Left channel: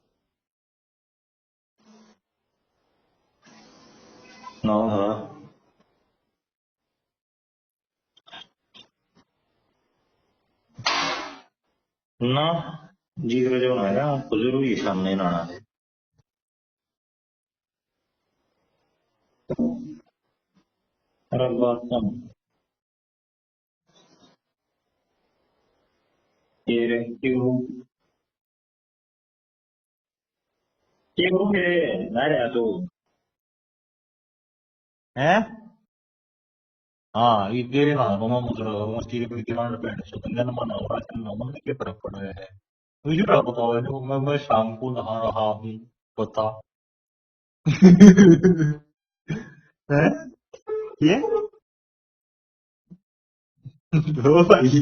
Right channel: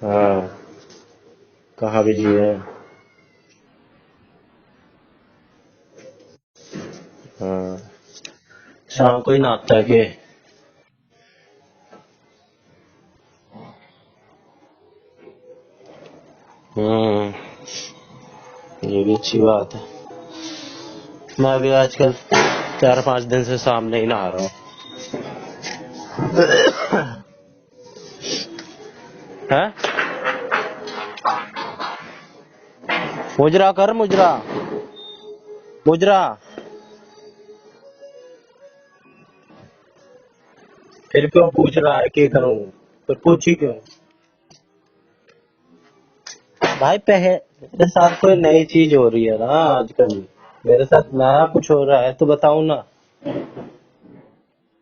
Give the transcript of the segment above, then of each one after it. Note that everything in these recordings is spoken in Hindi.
हाँ, कहाँ बिजी है? ना हाँ हाँ, शाम को ही नहाता है के? ना जी का जो है ना बुजुर्ग ही सामने नहाना है। हम्म, ये भी अच्छी बात है। अरे मैं भी बात आजकल 4-5 दिन से सामने ही नहा रहा हूँ। है मुजरा कर, मुजरा हैं मुजरा। हाँ ये तेरे ना रोमा मतलब मस्ती के किरान पे सुतंगन मना हुआ फिर क्यों पूछ रहा है कि करूँ? तो मुझे पूछ ही क्यों? मैं शाम को नहा रहा हूँ बता भाई तेरे साथ कोई नई चीज हो रही है ना आजकल। मेरे साथ ये नया कुछ हो रहा है तो बताऊं ना। दो भाई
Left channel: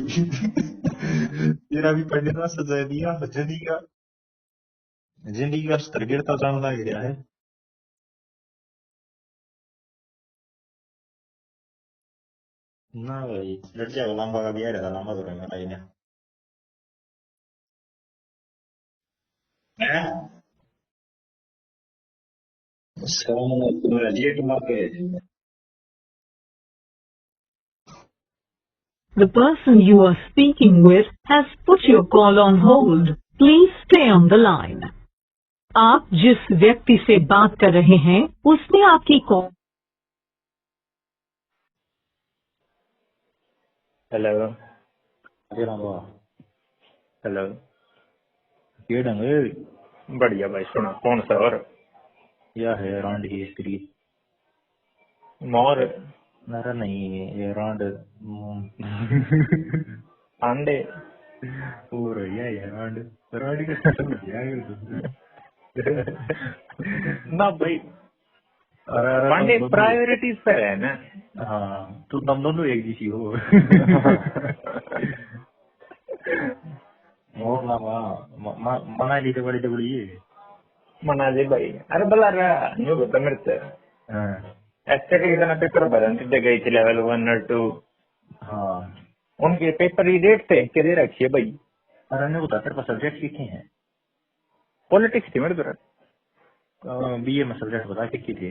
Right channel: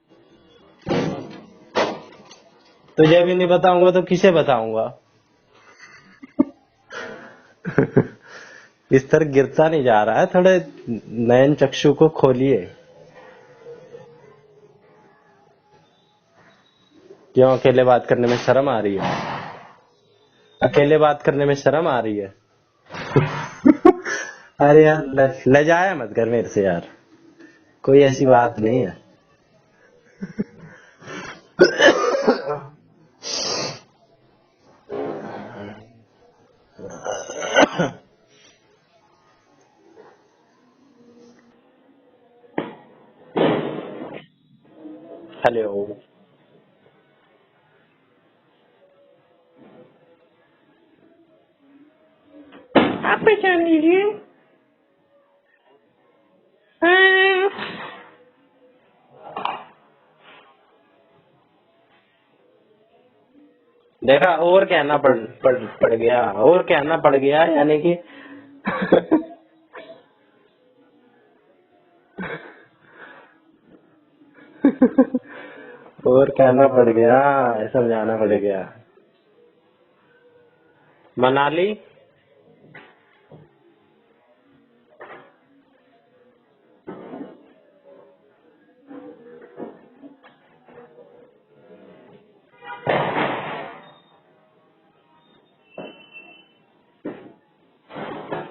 तेरा भी पढ़ने का सजा दिया तुझे है भी नहीं जिंदगी का बताऊंगा तो किसे बताऊंगा? जिंदगी का स्तर गिरता जाने लग गया है इस तरह गिरता नहीं जा रहा है, थोड़े नयन चक्षु को खोलिए। ना भाई लड़कियां का लंबा का बिया रहता लंबा तो रहना चाहिए क्यों अकेले बात करने में शर्म आ रही है? अकेले बात करने में शर्म आ रही है? अरे यार ले जाया मत कर मेरे से यार, कोई ऐसी बात नहीं है। The person you are speaking with has put your call on hold. Please stay on the line. आप जिस व्यक्ति से बात कर रहे हैं उसने आपकी कॉल। Hello hello. हेलो। ये ढंग बढ़िया भाई, सुनो कौन सा और यार आप पहचान लीजिए मोर मेरा नहीं ये रांड अंडे। और ये रांड रांड देखा, और कहना पड़ गया, और कहना पड़ गया, यानी कि पांडे प्रायोरिटीज पर है ना। हाँ तो तुम दोनों एक जैसी हो और कहना पड़ गया, समझाना पड़ गया। मनाली तो बड़ी टुकड़ी है मनाली। अरे बला रहा न्यू बता मेरे से एस्टेटिक का पेपर भरन ते गई थी लेवल 1 और 2। हाँ उनके पेपर की डेट से के दे रखी है भाई। अरे नहीं बता तेरे पास सब्जेक्ट पॉलिटिक्स थी मेरे तरफ बीए में सब्जेक्ट बता कितनी थी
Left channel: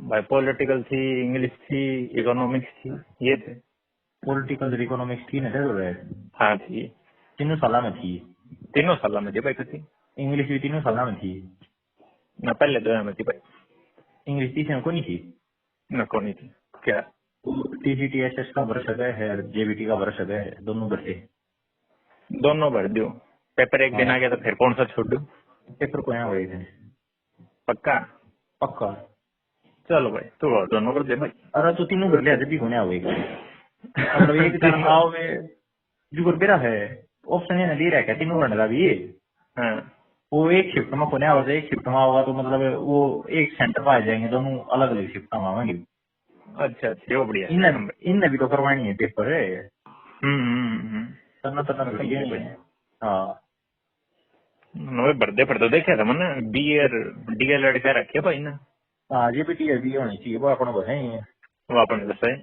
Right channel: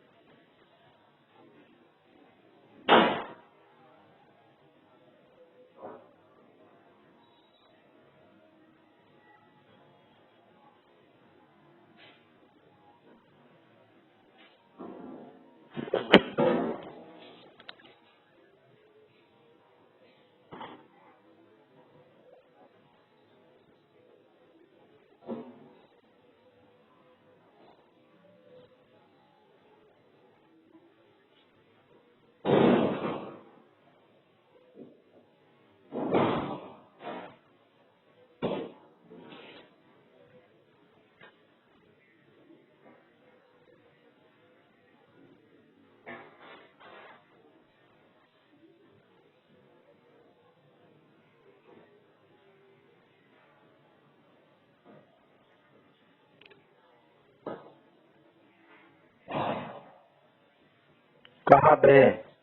भाई। पॉलिटिकल थी, इंग्लिश थी, इकोनॉमिक्स थी, ये थे। पॉलिटिकल इकोनॉमिक्स थी ना तेरे हाँ थी, तीनों साल में थी तीनों साल में थी भाई। थी इंग्लिश भी तीनों साल में थी ना, पहले 2 में थी भाई इंग्लिश तीसरे में को नहीं थी ना। कौन क्या टीजीटी एसएस का भर सका है जेबीटी का भर सका है दोनों भरते दोनों भर दो। पेपर एक दिन आ गया तो फिर कौन सा छोड़ दूं? पेपर को यहाँ हुए थे पक्का? पक्का चलो भाई, तू और दोनों कर दे भाई। अरे तू तीनों भर लिया थे को हुए मतलब एक दिन आओ में तुमको तेरा है ऑप्शन ये दे रहा है क्या तीनों भरने का भी हाँ वो एक शिफ्ट में कोने आवाज एक शिफ्ट में होगा तो मतलब वो एक सेंटर पर आ जाएंगे दोनों अलग अलग शिफ्ट में आवेंगे अच्छा, ये बढ़िया इन सिस्टम है। इन भी तो करवानी है पेपर है हम्म। करना तो ना सही है भाई। हाँ नवे बर्थडे पर तो देखा था मैंने डीएलएड का रखे भाई ना। हाँ ये भी टीआर भी होनी चाहिए वो अपना को है ही है कहाँ पे? सही।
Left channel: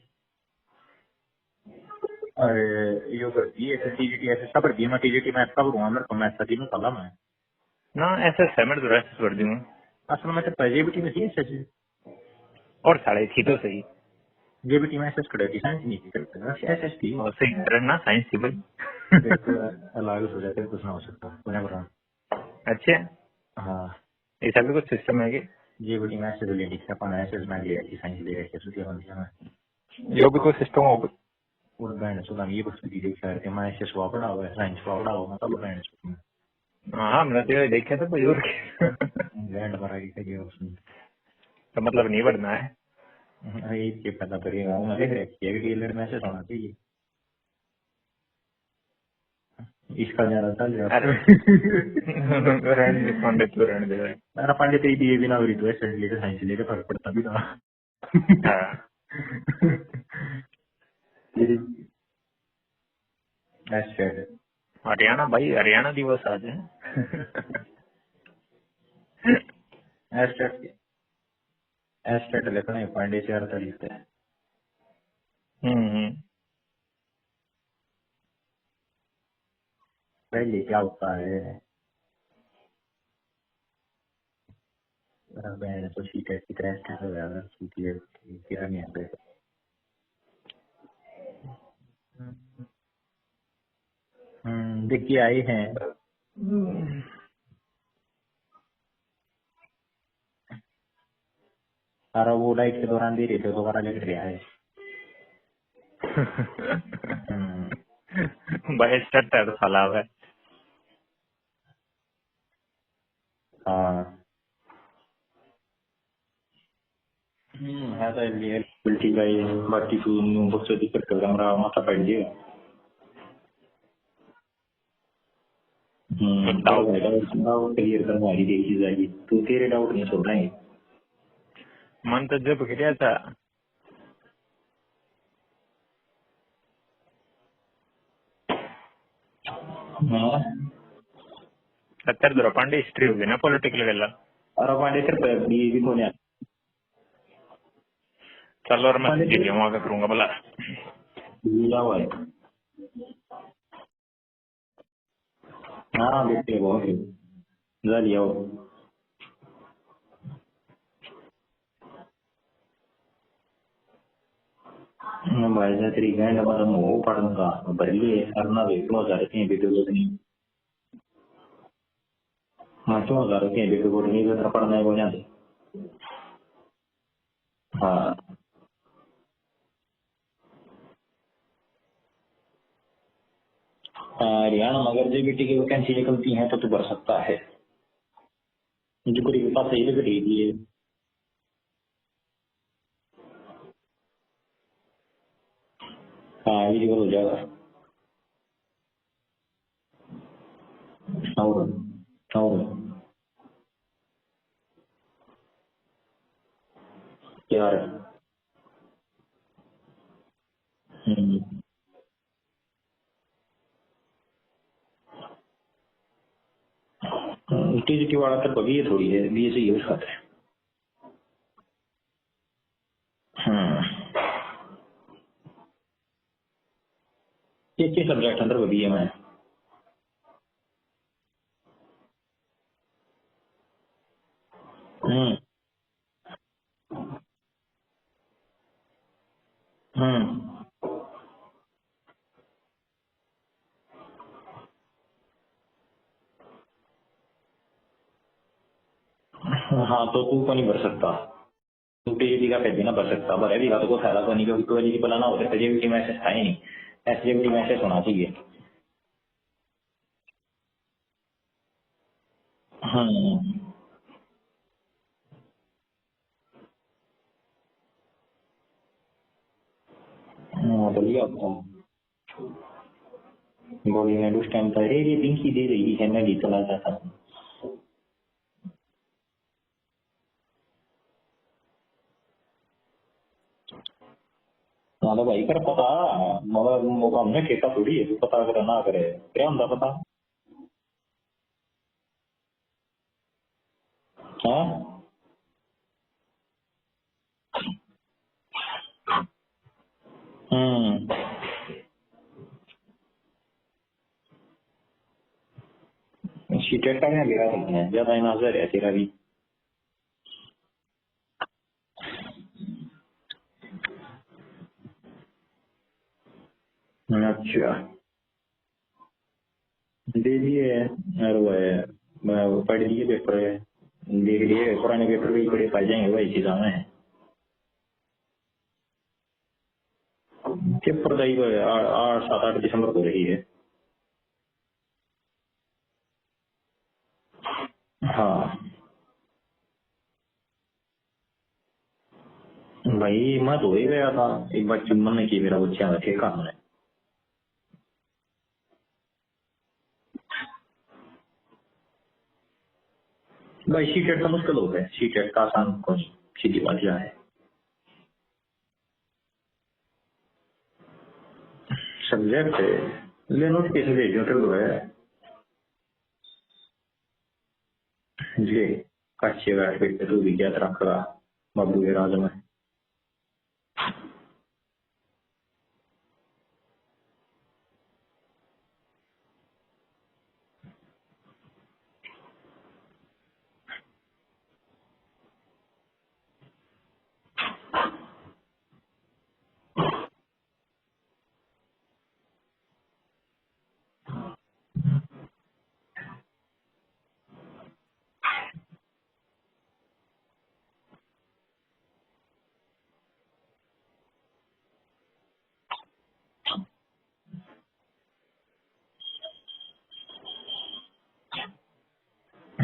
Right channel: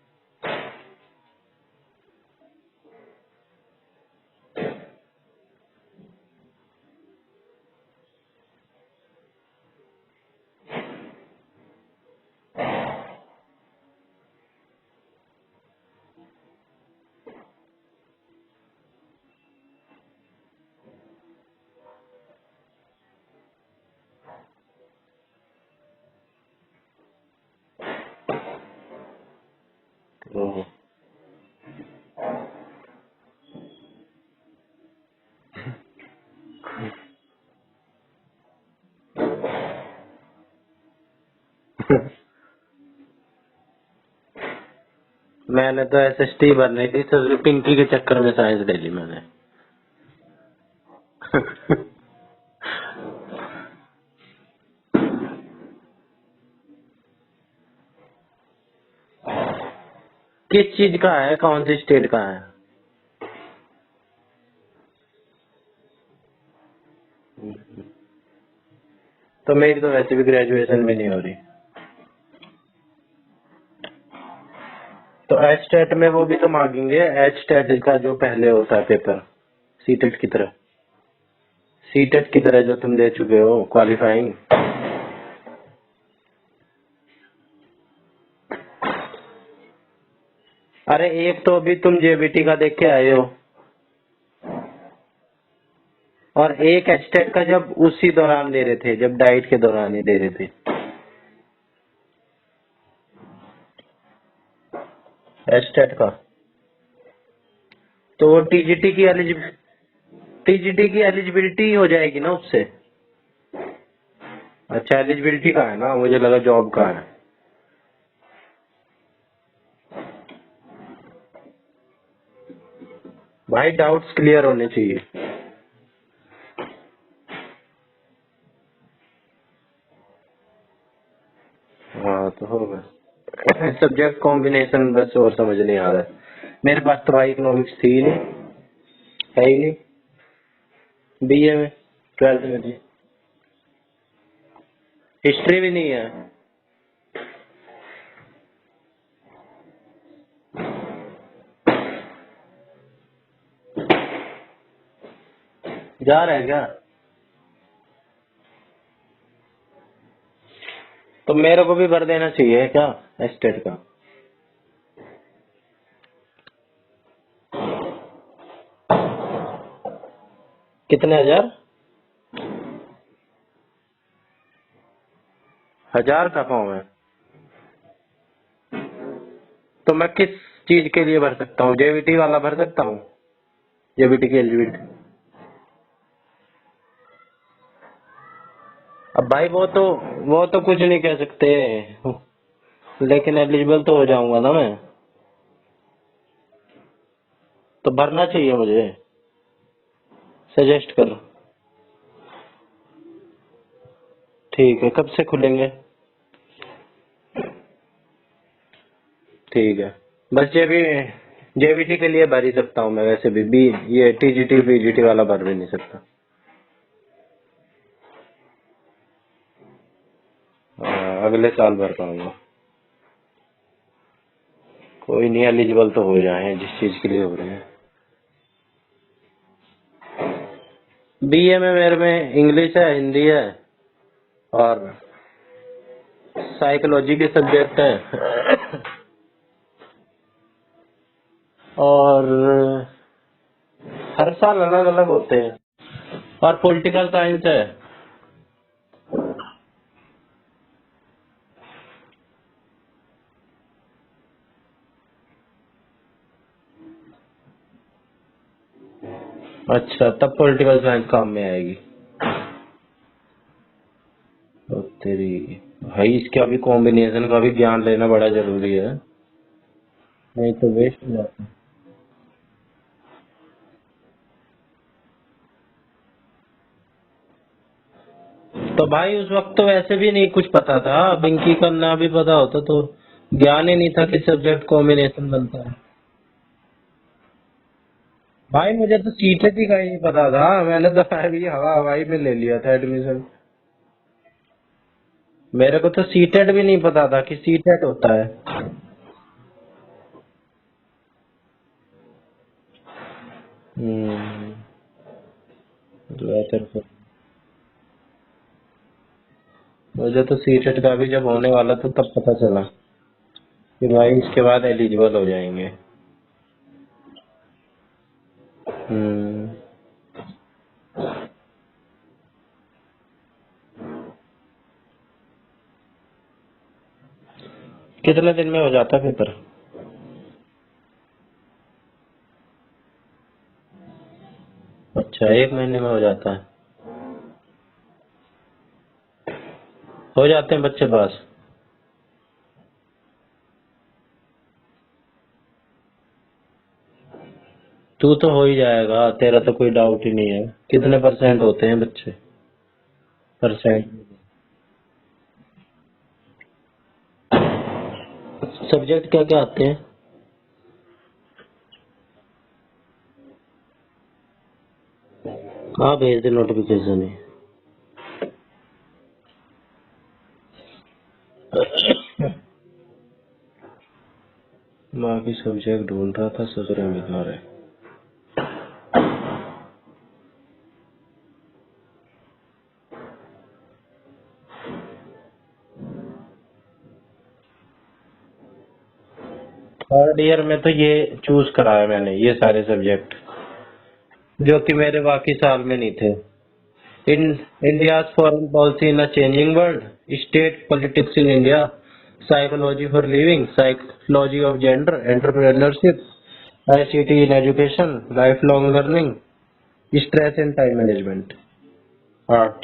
अरे यो करती है टीजीटी ऐसे सब करती है मैं टीजीटी मैथ का करूंगा मेरे को मैथ का तीनों साल में ना ऐसे है मेरे तो ऐसे कर दूंगा। असल में तो जेबीटी में थी एसएस और साढ़े थी तो सही। जेबीटी में एसएस करेगी साइंस नहीं थी एसएस थी और सही करना साइंस थी भाई। अलग हो जाते कुछ ना हो सकता पुणे पर अच्छा, हाँ ऐसा भी कुछ सिस्टम है कि जेबीटी में एसएस ले लिखा अपन एसएस में ले साइंस ले एसएस के होना यो भी कोई सिस्टम हो। और बैंड से ये कुछ भी देखा है मैं एसएस को पढ़ा हुआ है साइंस को पढ़ा हुआ मतलब बैंड हाँ मैंने तो देखा था कोई और बैंड पर आगे करिए उसमें तो मतलब नहीं बढ़ना है। ये पता करिएगा मैं देख रखी मैंने तो एसएसटी भरनी थी तो पिंकी के चक्कर में साइंस ले ली मैंने। इसका ज्यादा चल जाता अरे रहने दे पांडे, तू रहने दे भाई। अरे पांडे तो ये बिना हो रही तो एसएस लेकर साइंस लेकर फर्क पड़ता भी ना हाँ किस चीज का है, कौन सी स्टेट का है? एसएस हरियाणा भाई, हरियाणा दिवस आज है। तो मेरी तो वैसे भी ग्रेजुएशन भी नहीं हो रही। एसएस लेकर नहीं पांडे से 48 तो एच टेट में वो भी तो मांगेंगे, एच टेट का जो पहले होता है पेपर सीटेट की तरह। पहले क्या होता है सीटेट किधर है जो तुम दे चुके हो क्वालिफाइंग? मैंने तो सीटेट की तरह स्टार्ट हो गया सीटेट। अरे एक तो अभी तुम जेबीटी का देख के आए हो देखिए आए हैं। और एक एस्टेट का जब उसी दौरान दे रहे थे, जब डाइट के दौरान ही दे रहे थे। अरे वो डाइट के दौरान दे रहे थे, दोबारा लिख रहा है एस्टेट का। तो टीजीटी की टीजीटी की एलिजिबिलिटी हो जाएगी ना उससे? हाँ। अच्छा एलिजिबिलिटी का है ना, मुझे लगा जॉब का है। है तो एलिजिबिलिटी का ही, बाकी कोई बहुत दिक्कत कर हमारा माथा पड़ गया भाई। डाउट्स क्लियर होने चाहिए। डाउट क्लियर करवाई देखी जाएगी, तू तेरे डाउट नहीं छोड़ रहे। जब गया था सब्जेक्ट कॉम्बिनेशन बस और समझ नहीं आ रहा है मेरे पास। तो भाई इकोनॉमिक्स थी ही नहीं, है ही नहीं बीए में। हिस्ट्री होगी ना पॉलिटिकल, हिस्ट्री भी नहीं है। चलो और मैं वहां करूंगा भला। जा रहे हैं क्या? जा लिया तो मेरे को भी भर देना चाहिए क्या एस्टेट का? भाई जा तेरी गैंड मतलब वो पढ़ूंगा पहले करना भी कितने हजार? हाँ 2000 के बेटे को नहीं करना पड़ना है वो यहाँ से 1000 का फॉर्म है। हाँ। तो मैं किस चीज के लिए भर सकता हूँ? जेबीटी वाला भर सकता हूँ? जेबीटी के लिए अगर जेबीटी की वैकेंसी निकलती है तो तू भर सकता है। अब भाई वो तो कुछ नहीं कह सकते, लेकिन एलिजिबल तो हो जाऊंगा ना मैं। हाँ एलिजिबल हो जाएगा। तो भरना चाहिए मुझे, सजेस्ट करो। ठीक है, कब से खुलेंगे? यार ठीक है, बस जेबीटी के लिए भर ही सकता हूँ मैं, वैसे भी ये टीजीटी पीजीटी वाला भर भी नहीं सकता। टीजीटी वाला तो बगी थोड़ी है, बी से यूज करते हैं। अगले साल भर पाऊंगा। कोई नहीं, एलिजिबल तो हो जाए जिस चीज के लिए हो रहे हैं। किस सब्जेक्ट अंदर बीए में? बीए में मेरे में इंग्लिश है, हिंदी है और साइकोलॉजी के सब्जेक्ट है और हर साल अलग अलग होते हैं और पॉलिटिकल साइंस है। हाँ तो तू को नहीं भर सकता, तू टीजीटी का पैसे ना भर सकता, भरे भी तो कोई फायदा तो नहीं, क्योंकि कोई एलिजिबल ना होता है जेबीटी में ऐसे है नहीं, एसजेबीटी में ऐसे होना चाहिए। अच्छा, तब पॉलिटिकल साइंस काम में आएगी। तो तेरी भाई, इसके अभी कॉम्बिनेशन का भी ज्ञान लेना बड़ा जरूरी है, नहीं तो बोली मैं उस टाइम पर ये पिंकी दे रही है, मैं भी चला जाता। तो भाई उस वक्त तो वैसे भी नहीं कुछ पता था, बिंकी करना भी पता होता तो ज्ञान ही नहीं था कि सब्जेक्ट कॉम्बिनेशन। भाई मुझे तो सीटेट का ही नहीं पता था, मैंने तो अभी हवा हवाई में ले लिया था एडमिशन। मेरे को तो सीटेट भी नहीं पता था कि सीटेट होता है। सीटेट का ज्यादा नजर है तेरा भी। मुझे तो सीटेट का भी जब होने वाला था तब पता चला कि भाई इसके बाद एलिजिबल हो जाएंगे। अच्छा दे दिए पढ़ लिए पेपर, देख लिए पुराने पेपर भी बड़े पढ़ जाएंगे वही चीज में। कितने दिन में हो जाता है पेपर? पेपर तो 8-7 दिसंबर को रही है। अच्छा, 1 महीने में हो जाता है। हाँ हो जाते हैं बच्चे पास। भाई मैं तो हो ही गया था, एक बार मन की मेरा बच्चा ठेका हमने। तू तो हो ही जाएगा, तेरा तो कोई डाउट ही नहीं है। कितने % होते हैं बच्चे? सीटेट का मुश्किल होता है, सीटेट का आसान को सीधी बात क्या है। सब्जेक्ट क्या क्या आते हैं? सब्जेक्ट ले नोटिफिकेशन भेज दो तो है। कहाँ भेज दे नोटिफिकेशन है? जी कच्चे बैठ पे तू भी क्या रखा बाकी सब्जेक्ट ढूंढ रहा था, ससुर मिला रहे। थर्ड ईयर में तो ये चूज करा है मैंने, ये सारे सब्जेक्ट जो कि मेरे बाकी साल में नहीं थे। India's foreign policy in a changing world, state politics in India, psychology for living, psychology of gender, entrepreneurship, ICT in education, lifelong learning, stress and time management. art.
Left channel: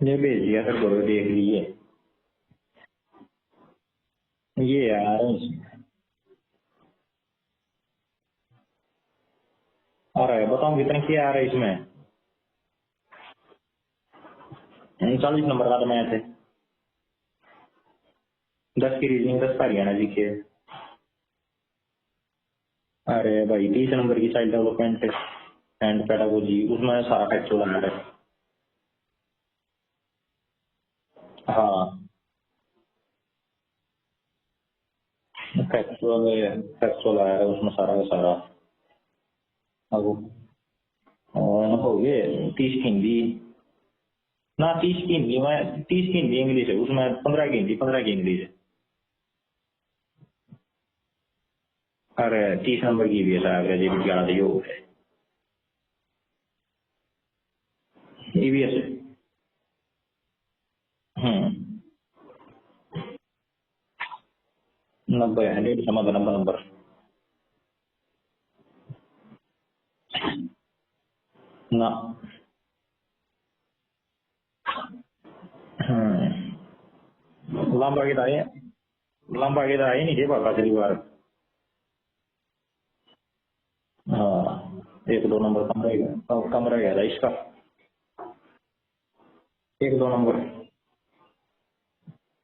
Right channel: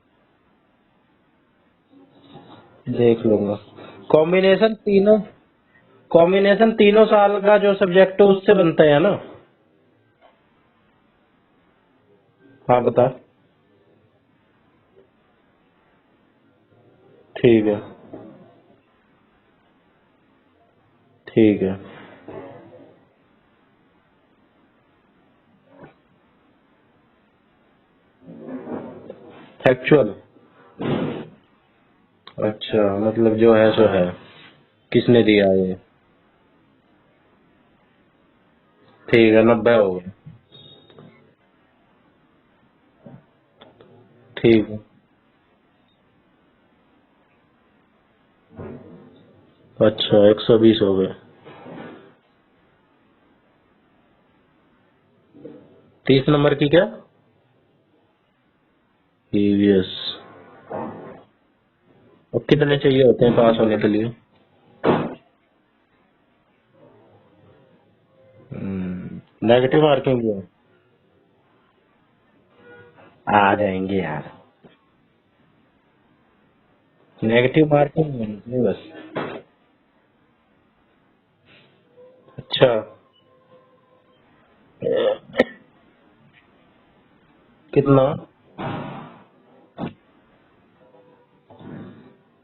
ये भेज दिया सर, करो देख लीजिए। देख लूंगा। कॉम्बिनेशन ये तीनों, कॉम्बिनेशन तीनों साल का जो सब्जेक्ट है उससे बनता है ना? आ रहा है, बताऊं कितने की आ रहा है इसमें? हाँ बता। 39 नंबर का तो मैथ है। ठीक है। 10 की रीजनिंग, 10 का हरियाणा जीके। ठीक है। अरे भाई 30 नंबर की चाइल्ड डेवलपमेंट एंड पेडागोजी, उसमें सारा फैक्चुअल आ रहा है। फैक्चुअल? हाँ अच्छा, मतलब जो है सो है, किसने दिया है? फैक्चुअल आया है उसमें सारा का सारा। ठीक है, 90 हो गए। और हो गए 30 की हिंदी। ठीक ना 30 की हिंदी में, 30 की हिंदी इंग्लिश है, उसमें 15 की हिंदी, 15 की इंग्लिश है। अच्छा, 120 हो गए। अरे 30 नंबर की भी है साहब, ये भी 11 दी हो गए। 30 नंबर की क्या? ईवीएस है। ईवीएस। अब कितने चाहिए होते हैं पास होने के लिए? 90 है, 150 नंबर। नेगेटिव मार्किंग भी है? ना आ जाएंगे यार। नेगेटिव मार्किंग नहीं बस। लंबा के आए नहीं थे बाबा पहली बार। अच्छा। हाँ 1-2 नंबर कम रह गया था इसका। कितना? 1-2 नंबर।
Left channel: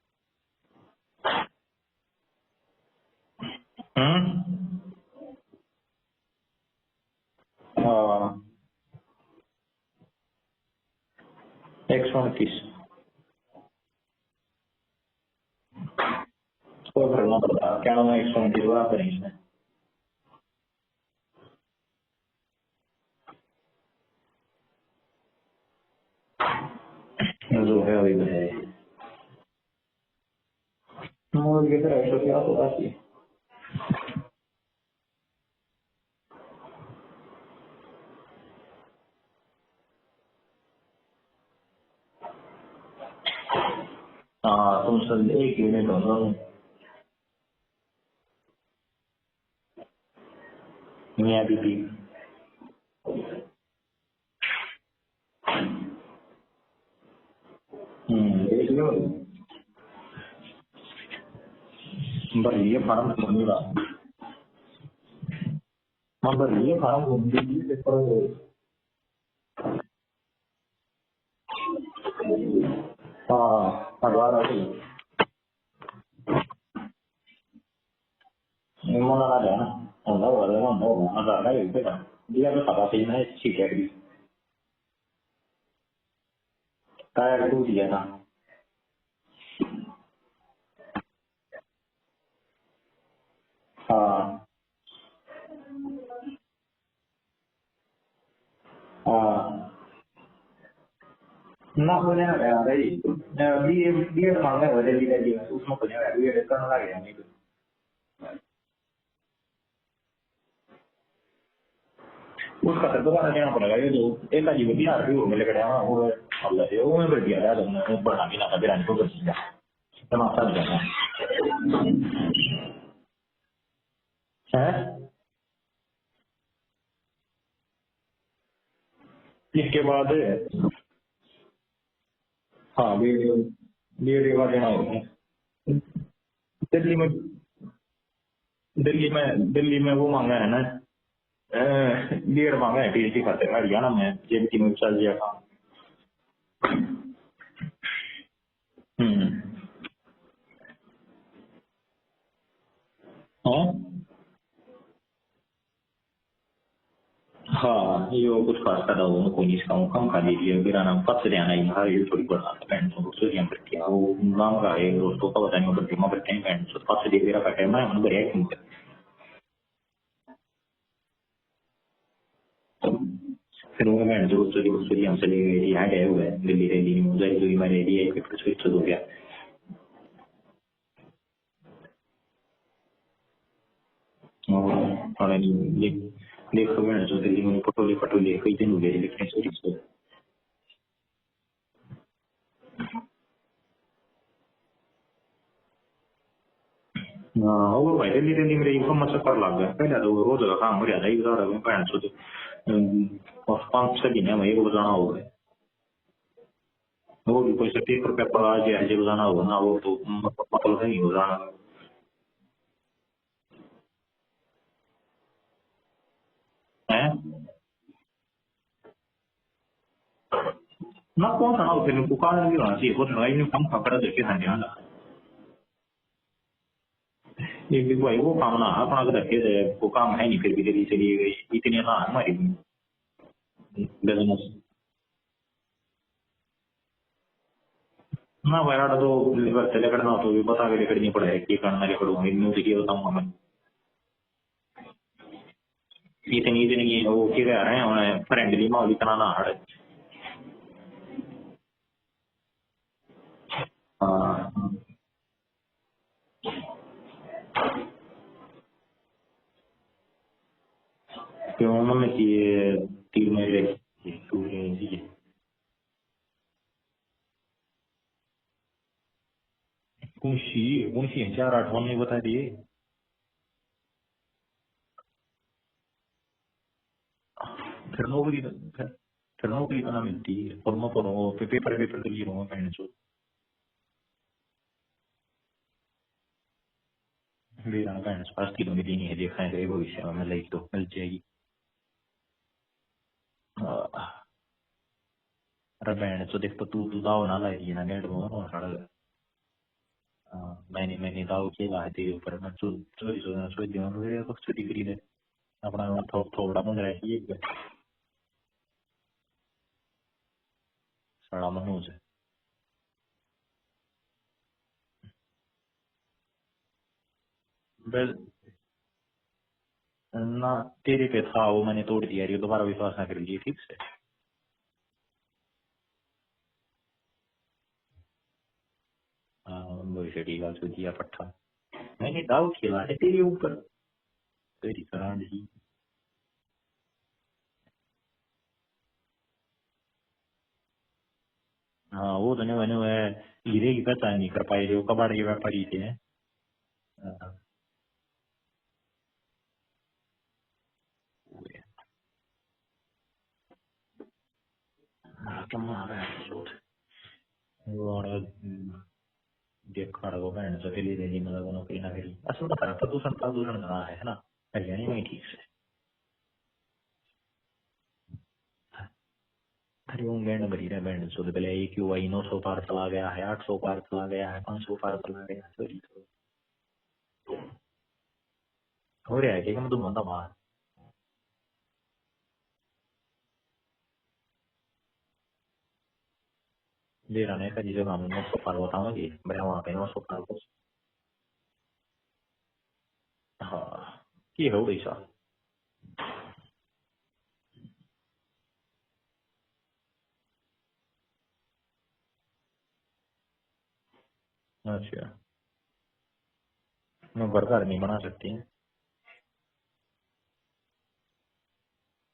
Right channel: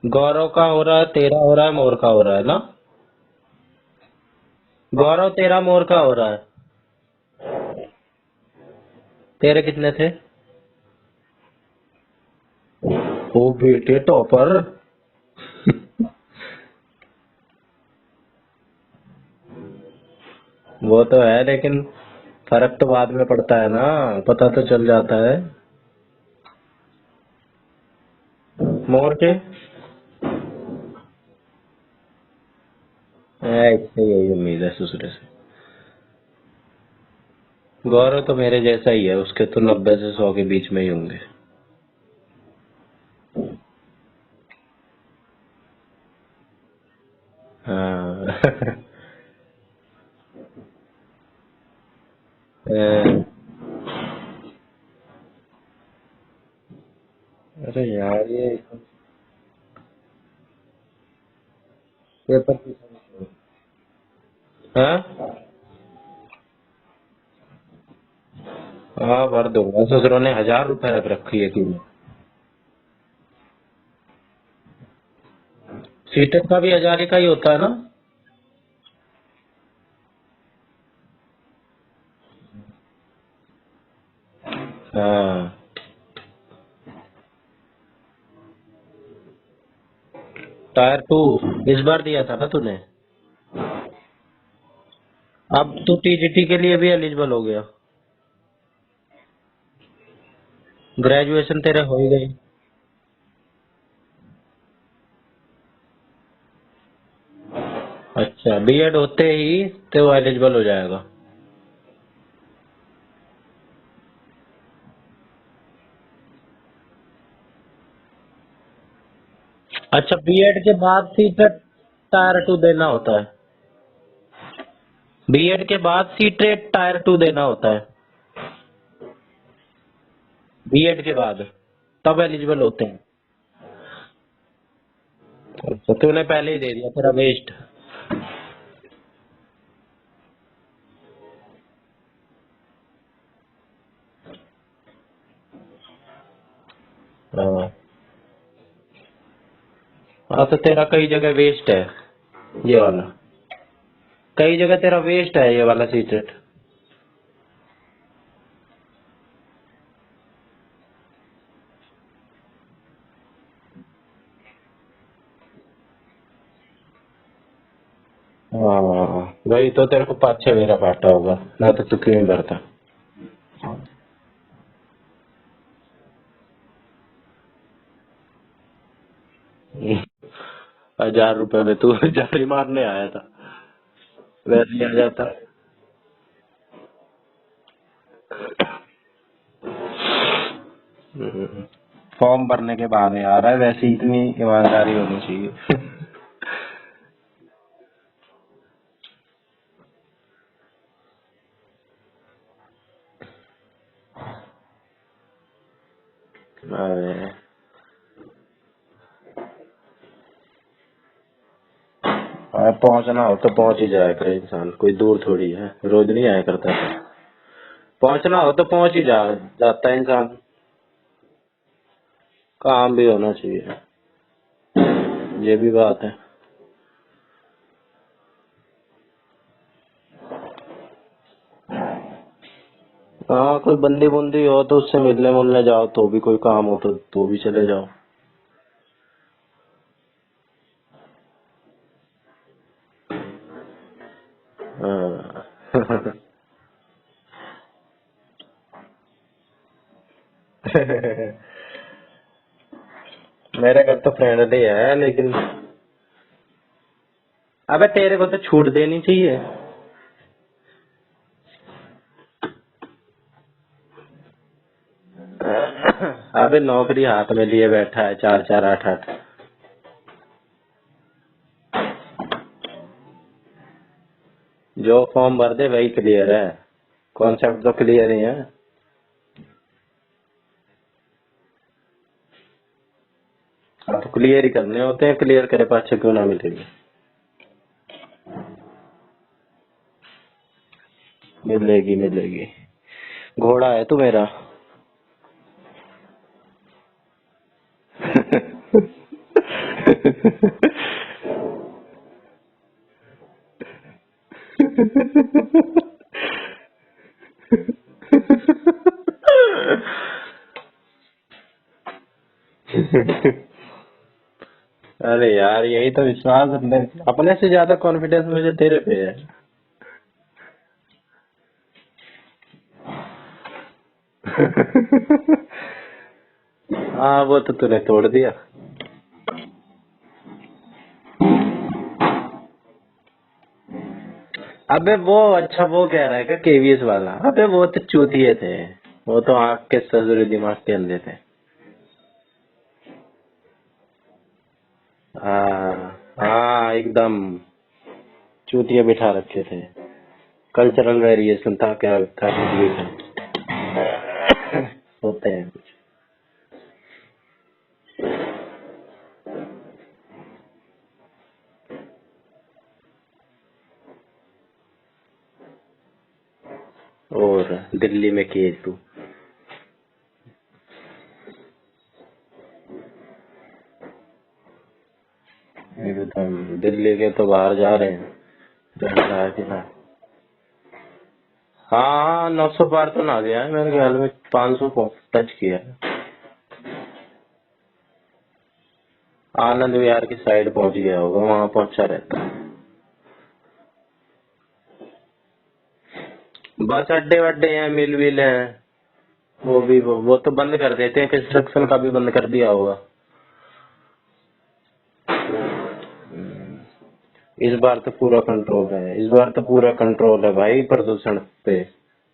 गौरव का हो रहा है, तेरा हो रहा है, मोर का हो रहा है ना? गौरव तेरा, मोर का हो रहा है। हाँ तेरे कितने थे? 129। ओ बेटे टॉपर। तो भरना पड़ता, क्या नाम है, 129 हुआ फिर इसमें। वो तो है, लेकिन फर्क तो बाद में पड़ता है ना, पता तो चल जाता है। जो है वही है। मोर के? मोर के फिर 180। इसको यही उम्मीद है ससुरे से। गौरव तो मेरे जैसा ही है, उसके तो 90 से 100 के बीच में ही होंगे। हाँ तुम सब एक यूनिट हो ना। हाँ। मियाँ बीबी। अरे यार ये फार्म नहीं रहा। हाँ ये फार्म हाँ भर दूंगा। ससुरों ने 1000 रुपए रख रखी है की। हाँ सीटेट का भी 1000 का ही होता है ना? हाँ टायर 2 दिया था। टायर 2 इस बार दिया था ना तूने? हाँ अब तू टीजीटी के लिए भी एलिजिबल हो गया। हाँ ग्रेजुएशन तेरे हो गई। अच्छा, बीएड होते ही तो एलिजिबल हो जाएगा। उसका तो दोबारा देना पड़ेगा। ये जो एक आजीब बिहार भी मिले कड़े वो अल्लाह ये वो में बढ़ गया था, बढ़ा भी ना था बिरानी को कर दिया। अच्छा, बीएड के बाद सीटेट टायर 2 देना होता है? बीएड के बाद सीटेट टायर 2 देना होता है? इसके बाद बीएड के बाद तब एलिजिबल होते हैं? बीएड के बाद देना होता है। तो तूने पहले ही दे दिया वेस्ट। दिल्ली में वो मांगा है ना, बीएड मांगा है टीजीटी खाते हरियाणा में, जेबीटी में चल दिया था। हाँ तो तेरा कई जगह वेस्ट है ये वाला। कई जगह तेरा वेस्ट है ये वाला सीटेट। हाँ ये वो कुछ खास कर रहा हूँ कोई नहीं, इसका कम खा लीजिए मेरा नाम कब से आना है, ये थोड़ी बड़ा पैंट तो हम करके वो नाम का है दोस्तों का बताने को करके मगर टाइम पैंट तो कब से मेरा पैट है मैं मन बढ़िया क्यों। हाँ वही तो, तेरे को 5-6 मेरा पाटा होगा ना, तो तू क्यों भरता। फिर वो मैं दोस्तों की हम चले गए यहाँ गए हुए दिल्ली दिल्ली में उधर दूरी में रह रही है कुछ हो गया। 1000 रुपए में तू जारी मारने आया था, वैसे क्या जाता। देखो मैंने जो दिल्ली में पटोले पटोले कोई भी मिले लिखने से फॉर्म भरने के बाद यार है, वैसे ही इतनी ईमानदारी होनी चाहिए। हाँ वो भाई दिल्ली मेरे इनको मत कर लग गया पहले तो रोज का काम हो रहा था इधर आ गए पैंट से और 5 महीने में एक बजाना हो गए वो भी कोई से पेपर आ जाए जो बजाना हो ना वो तो मतलब नहीं हो जाना। पहुंचना हो तो पहुंच ही जाया करे इंसान, कोई दूर थोड़ी है, रोज नहीं आया करता है। पहुंचना हो तो पहुंच ही जाता है इंसान। ना पहुंचना हो फिर काम भी होना चाहिए, ये भी बात है। ये भाई वो काम ना अपना रखे वो काम है नहीं फिर भी जल्दी चली गई इतनी हाँ हमारी। हाँ कोई बंदी बुंदी हो तो उससे मिलने जाओ तो भी, कोई काम हो तो भी चले जाओ ना वैराट तो चले करना तो भी पता भी करनी पड़े कि करना के करूँगा इन की बताऊंगा इतनी इतनी वो क्या कह रहे हैं उन्हें फ्रेंडली माहौल इतना ना हड़े। मेरे घर तो फ्रेंडली है लेकिन अबे तेरे को तो छूट देनी चाहिए। क्यों मैंने किए 3 महीने अबे नौकरी हाथ में लिए बैठा है 4-4-8-8 मुंशी 4-8 महीने बता दिए जो फॉर्म भर दे वही क्लियर है, कॉन्सेप्ट तो क्लियर ही है। फिर नौकरी इतना मिलती है और मैं पढ़ूंगा पेपर क्लियर होगा पहले तो क्लियर ही करने होते हैं, क्लियर करे पाछे क्यों ना मिलेगी। मेरा पहले स्वास्थ्य तो मिली नहीं है देखा है भविष्य में मिलेगी तो मिल जाएगी मिलेगी। घोड़ा है तू मेरा। अरे बहन तो देख तो तू दाव ना लाई ना दाव के लाए तेरे ऊपर मैं चोरी मेरे को थोड़ा मन रही है बड़ा मनोज। अरे यार यही तो विश्वास अपने से ज्यादा कॉन्फिडेंस मुझे तेरे पे है ना तेरे पे था वो मैंने तोड़ दिया ये दोबारा विश्वास ना कर लीजिए ठीक है। हाँ वो तो तूने तोड़ दिया। दाव खेला है तेरे ऊपर। अबे वो अच्छा वो कह रहा है क्या केवीएस वाला, अबे वो तो चूतिए थे, वो तो आँख के ससुरे दिमाग के अंधे थे। हाँ वो तो नहीं मैंने हीरे की पहचान नहीं कर पाए जो कबाड़ की हाँ एकदम चूतिया बिठा रखे थे, कल्चरल वेरिएशन था क्या था होते हैं। देखा रहा वो बहन से दिल्ली दिल्ली में लोगों ने ना करी असल में प्रदूषण ना है ना हरियाणा में ठीक से और दिल्ली में केस तू अरे वो गैंड भरी रहा बैंड छोड़ दे AQI 900 पार चला गया है 800 पार चला गया है 500 पार चला गया एकदम दिल्ली के तो बाहर जा रहे हैं। हाँ 900 पार तो ना गया है मेरे ख्याल में 500 को टच किया है। आनंद विहार की साइड पहुंच गया होगा, वहाँ पहुंचा रहता है। हाँ ये हो गई सा बस अड्डे वड्डे हैं मिल विल हैं वो तो बंद कर देते हैं, कंस्ट्रक्शन का भी बंद कर दिया होगा। अच्छा इस बार तो पूरा कंट्रोल है, इस बार तो पूरा कंट्रोल है भाई प्रदूषण पे,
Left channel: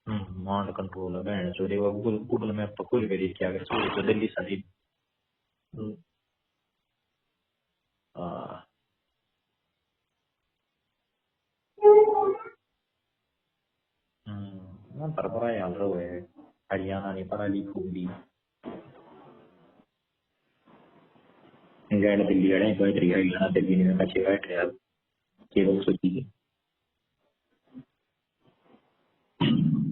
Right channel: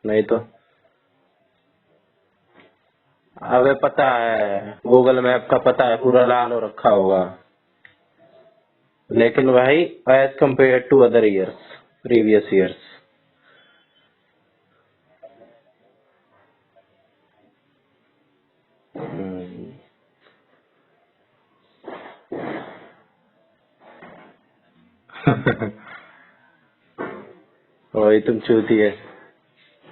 नहीं तो कंट्रोल है गूगल मैप पर खुल गई क्या। अबे पता है गूगल मैप का पता है पूरा लाल हो रखा होगा लेकिन भाई as compare to other years previous years Haryana ने पढ़ा लिखू दी दिल्ली बैठ रही हरियाणा दिल्ली में कैसे बैठ रहे अब वही तुम चूती है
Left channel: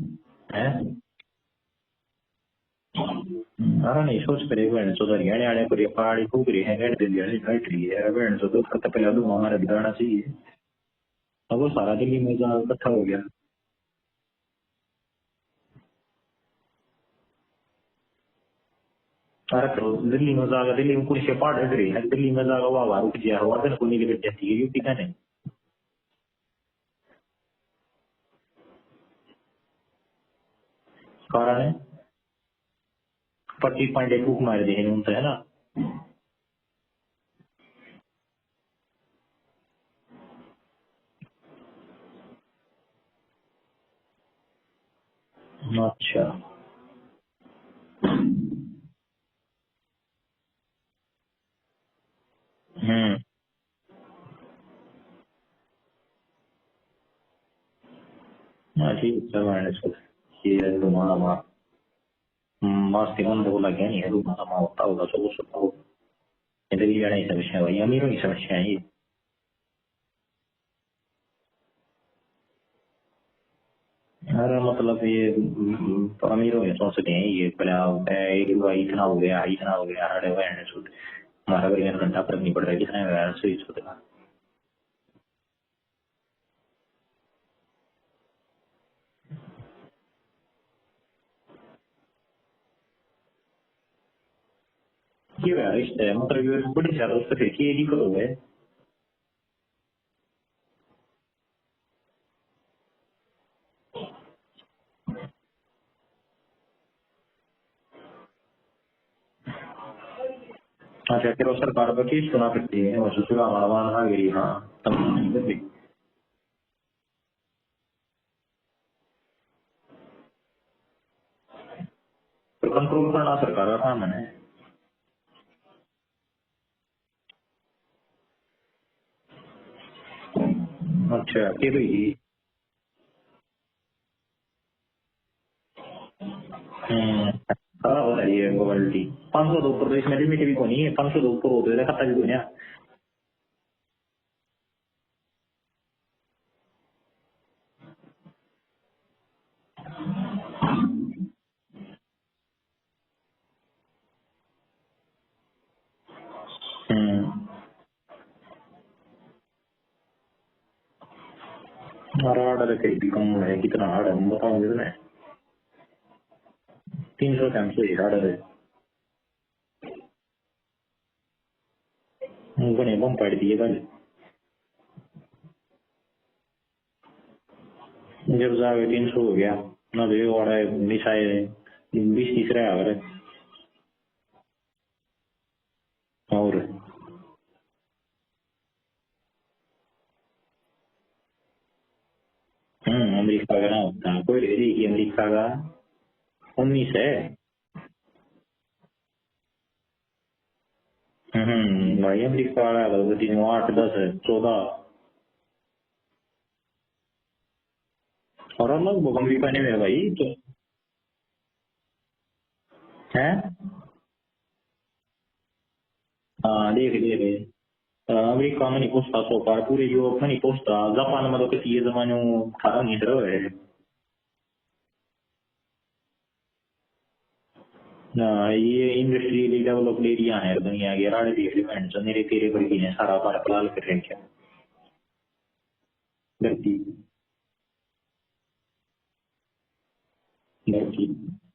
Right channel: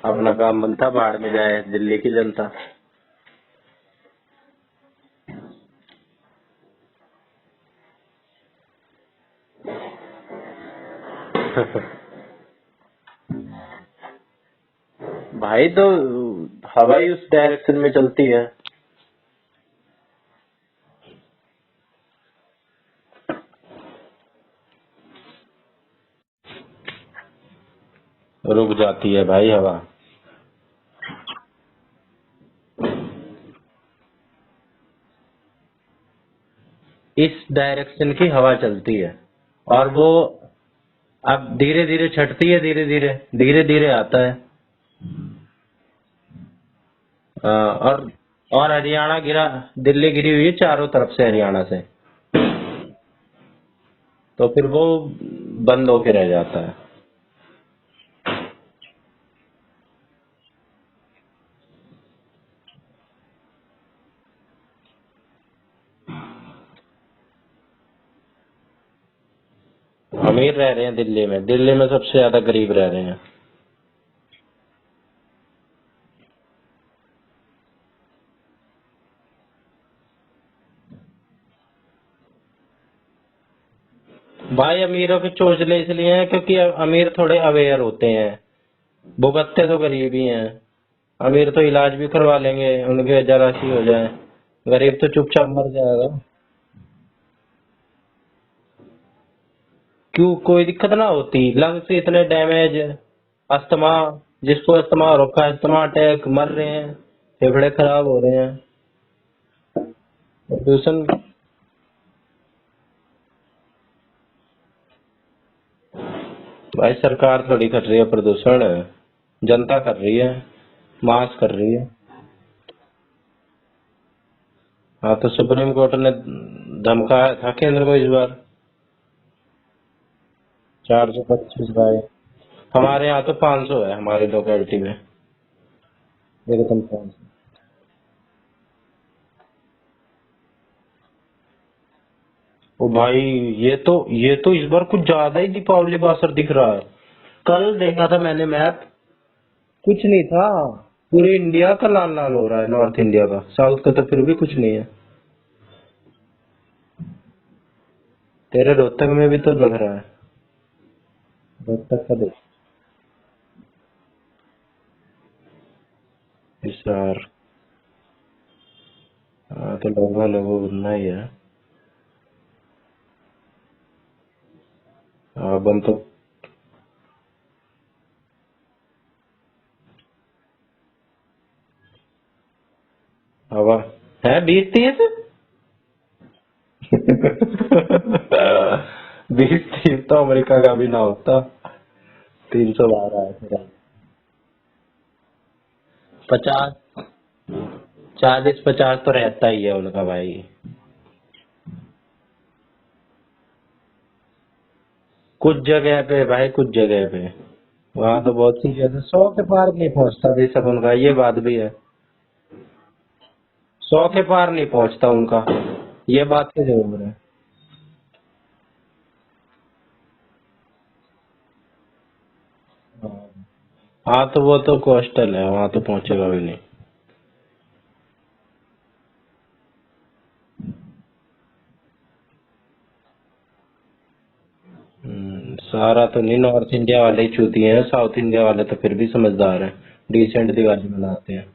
अपना काम बनता बाहर में जाए दिल्ली की जनता। अरे नहीं सोच करे बहन तो हरियाणा वाले पर पहाड़ी फूक रही है दिल्ली वाली बैठ रही है बहन तो पहले दो हमारा दिलाना चाहिए तो सारा दिल्ली में इकट्ठा हो गया भाई तो हवाई उस डायरेक्शन में चलती है। अरे तो दिल्ली में जाएगा दिल्ली में कुछ पहाड़ हट रही है दिल्ली में जाएगा वहाँ रुक गया हवा तो खुलने की जाती है यूपी का नहीं रुक जाती है भाई हवा सारा ने 25.1 फूक मार दी है ना इस डायरेक्शन की हवा चलती है और वो अब धीरे धीरे छटती है, धीरे धीरे आता है। अच्छा। और हरियाणा गिरा, दिल्ली गिरी हुई है चारों तरफ से हरियाणा से, तो फिर वो बंद होके रह जाता है। ठीक है मैंने ये तुम्हारा मास्ती बंद हो लग गया नहीं है, तुम्हारा होता होगा तो वो सब हो दिल्ली जाने की समस्या भाई, अमीरों की समस्या है ये। अमीर रह रहे हैं दिल्ली में, दिल्ली में सबसे ज्यादा गरीब रह रहे हैं। अरे मतलब ये अमीरों के सोचते हैं ये इतना हो गया हमारे हमारा बढ़िया घंटा फर्क नहीं पड़ रहा है, कितना स्विच होता भाई अमीरों के चोचले इसलिए हैं क्योंकि अमीर थोड़े अवेयर होते हैं, भुगतते तो गरीब ही हैं। अमीर तो इलाज भी करवा लेंगे, उनके जरा सी हो जाए, गरीब तो चुपचाप मर जाएगा। मतलब बड़ी ज्यादा उससे फिर ये दिक्कत हो गए। क्यों, कोई दिक्कत ना होती, लंग्स इतने डैमेज, अस्थमा, जिसको अस्थमा हो रखा है, अस्थमा अटैक, मर रहे हैं, फेफड़े खराब हो रहे हैं। प्रदूषण। अच्छा फिर सरकार पर केस सुना करती है भाई सरकार थोड़ी कर रही है प्रदूषण, जनता कर रही है, मास कर रही है। कंट्रोल करना सरकार का काम है। हाँ तो सुप्रीम कोर्ट ने धमकाया था केंद्र को इस बार 425। हमारे यहाँ तो 500 है, हमारी लोकेलिटी में। ये क्वालिटी 500 दो ऊपर, इसमें लिमिट भी कोई नहीं है, 500 दो ऊपर होते हैं खाता भी कोई नहीं। ओ भाई ये तो इस बार कुछ ज्यादा ही दीपावली का असर दिख रहा है। कल देखा था मैंने मैप, कुछ नहीं था, पूरे इंडिया का लाल लाल हो रहा है, नॉर्थ इंडिया का, साउथ का तो फिर भी कुछ नहीं है। तेरे रोहतक में भी तो लग रहा है। रोहतक का ऑर्डर कहीं कम है, कितना ऑर्डर है बताओ मुझे ना। इस बार 300 टाइम से ऑर्डर है। हाँ तो लोगों बनना ही है। बने बम पाड़ दिए कल। हाँ बम तो जब जाके 300 हो गया ना, तो ऑर्डर मिसाइल 20-30 रहा है हवा है 20-30 और 20-30 तो अमेरिका का भी ना होता। 300 अमेरिका का ना होता, कोई अमेरिका का 50 है, 40-50 तो रहता ही है उनका भाई। भाई अमेरिका वाला 8-10-14 कुछ जगह पे भाई, कुछ जगह पे वहाँ तो बहुत कुछ 100 के पार नहीं पहुँचता बेशक उनका, ये बात भी है। 100 के पार नहीं पहुँचता उनका, ये बात तो है। अमेरिका में नहीं पहुँचता 100 पार, पूरे यूरोप में नहीं पहुँचता, जापान में तो किसी ये जमाने में खा नहीं रहे। हाँ तो वो तो कोस्टल है, वहाँ तो पहुँचेगा भी नहीं। ये इंडस्ट्रियली डेवलप्ड एरिया है दुनिया के, राड़े डेवलपमेंट मेरे तेरे पर भी है, सारा भारत लाल कर रहे क्या। सारा तो नहीं, नॉर्थ इंडिया वाले ही चूती हैं, साउथ इंडिया वाले तो फिर भी समझदार हैं, डिसेंट दिवाली मनाते हैं।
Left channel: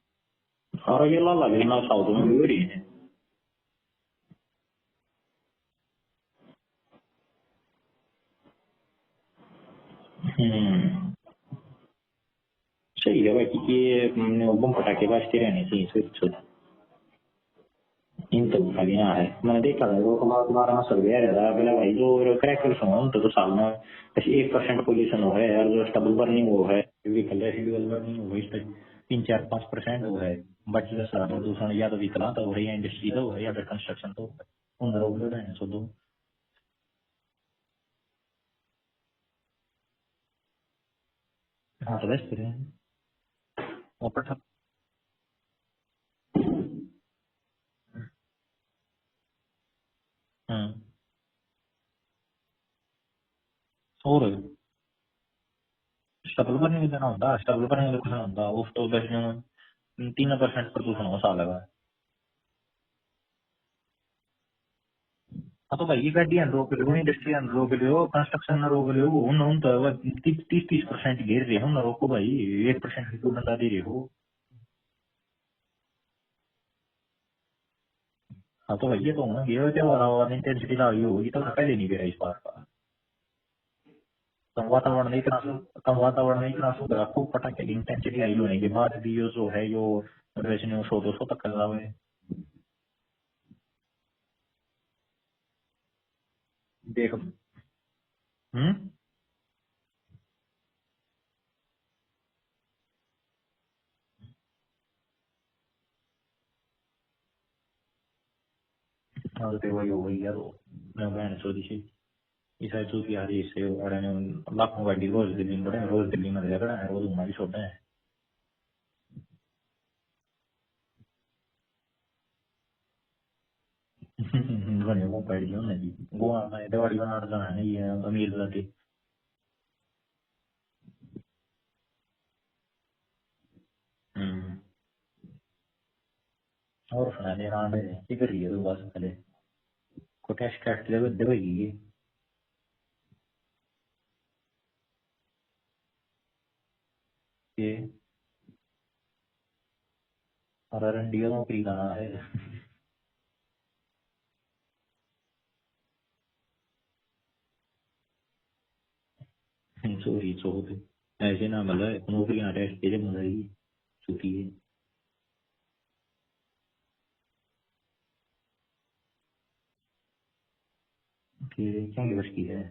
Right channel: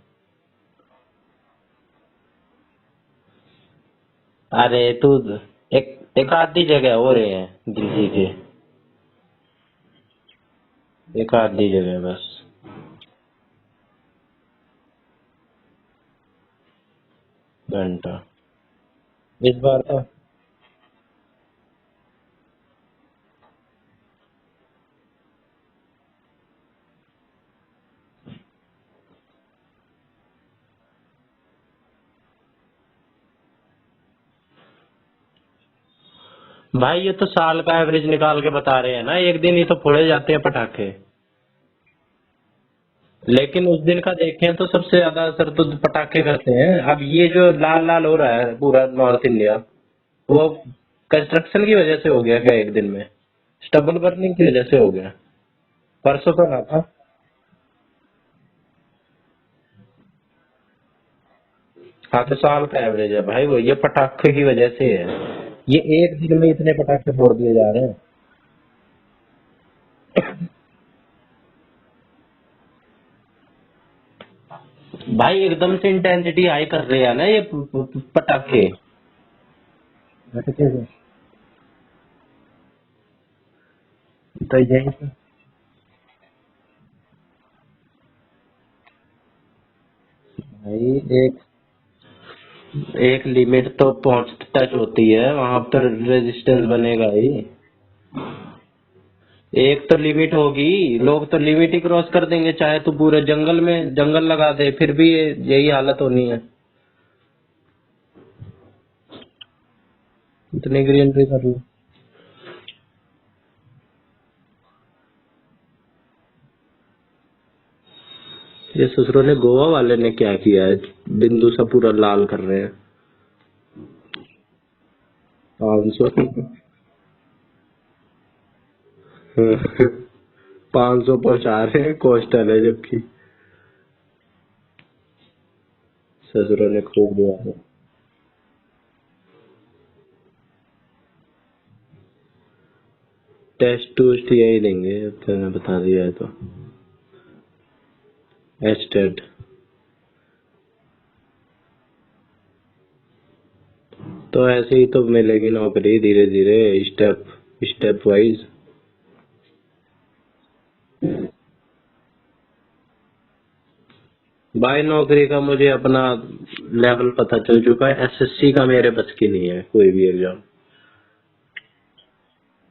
और ये लाला भी ना साउथ में भी हो रही है। अरे तू एक आधी जगह हो रहे हैं दिल्ली के, एक आधी जगह बस। सही है भाई, ये बम पटाखे बजते रहने चाहिए घंटा इन तो खलियां है। इस बार तो सब पहले भाई जो क्रैकर्स हो तो साल में 1% पोल्यूशन हो है, और जो स्टबल बर्निंग हो है, रेसिडुअल बर्निंग हो है, 3-4-5% हो है। बाकी का सारा प्रदूषण या तो विकला तो हो रही है, इंडस्ट्री तो हो है, या फिर कंस्ट्रक्शन तो हो। भाई ये तो साल का एवरेज निकाल के बता रहे हैं ना, एक दिन ही तो फोड़े जाते हैं पटाखे। हाँ तो बेस्ट है, लेकिन उस दिन का देखें तो सबसे ज्यादा असर तो पटाखे करते हैं। अब ये जो लाल लाल हो रहा है पूरा नॉर्थ इंडिया, वो कंस्ट्रक्शन की वजह से हो गया क्या एक दिन में? स्टबल बर्निंग की वजह से हो गया। परसों तो 3% प्रदूषण हो साल का। हाँ तो साल का एवरेज है भाई, वो ये पटाखे की वजह से है। ये एक दिन में इतने पटाखे फोड़ दिए जा रहे हैं। कंस्ट्रक्शन ना रोक रहे हो उन तो 30% घेर रहे हो ना, रोको भाई 1% की बता दे रहे हो भाई, एकदम से इंटेंसिटी हाई कर रहे हैं ना ये पटाखे। तो भैया तो होना ये इंटेंसिटी आई होगी तो पहले नहीं गिरा इस बार का। वातावरण नहीं इतना सुधरा, खूब पटाखे की इंटेंसिटी आई होने के बाद भी ये जो है एक लिमिट तो पहुंच टच होती है, वहां पर रेजिस्टेंस बनेगा ही। एक तो लिमिट होगी, लोग तो लिमिट ही क्रॉस कर देंगे, चाहे तो पूरे जंगल में जंगल लगा दे फिर भी यही हालत होनी है। और तो वही हो गई यार, इतनी ग्रीनरी कर ली। शायद तो कि यार इससे और लाखों गाड़ी रोज दिल्ली में बढ़े, रोज दिल्ली में रहकर रोज हमारी छोड़ते हैं। ये ससुरों ने गोवा वाले ने क्या किया है, बिंदु सा पूरा लाल कर रहे हैं। बने वो बैठ गया हाँ, दिवाली बना रहा है ये अमीर जाति 500 पहुंचा रहे हैं, कोस्टल है जबकि। ससुरों ने खूब दिया है। इधर ही है तो बस पहले को टेस्ट देगी। टेस्ट टूस्ट यही देंगे, अब तो मैंने बता दिया है तो। ये एस्टेड और रंडिया नौकरी कहाँ है? तो ऐसे ही तो मिलेगी नौकरी धीरे धीरे, स्टेप वाइज। चोरी चोरी ऐसे ना मतलब नौकरियां टेस्ट के लिए मिलेगी भाई नौकरी का मुझे अपना लेवल पता चल चुका है, एसएससी का मेरे बस की नहीं है कोई भी एग्जाम। क्या बस की है?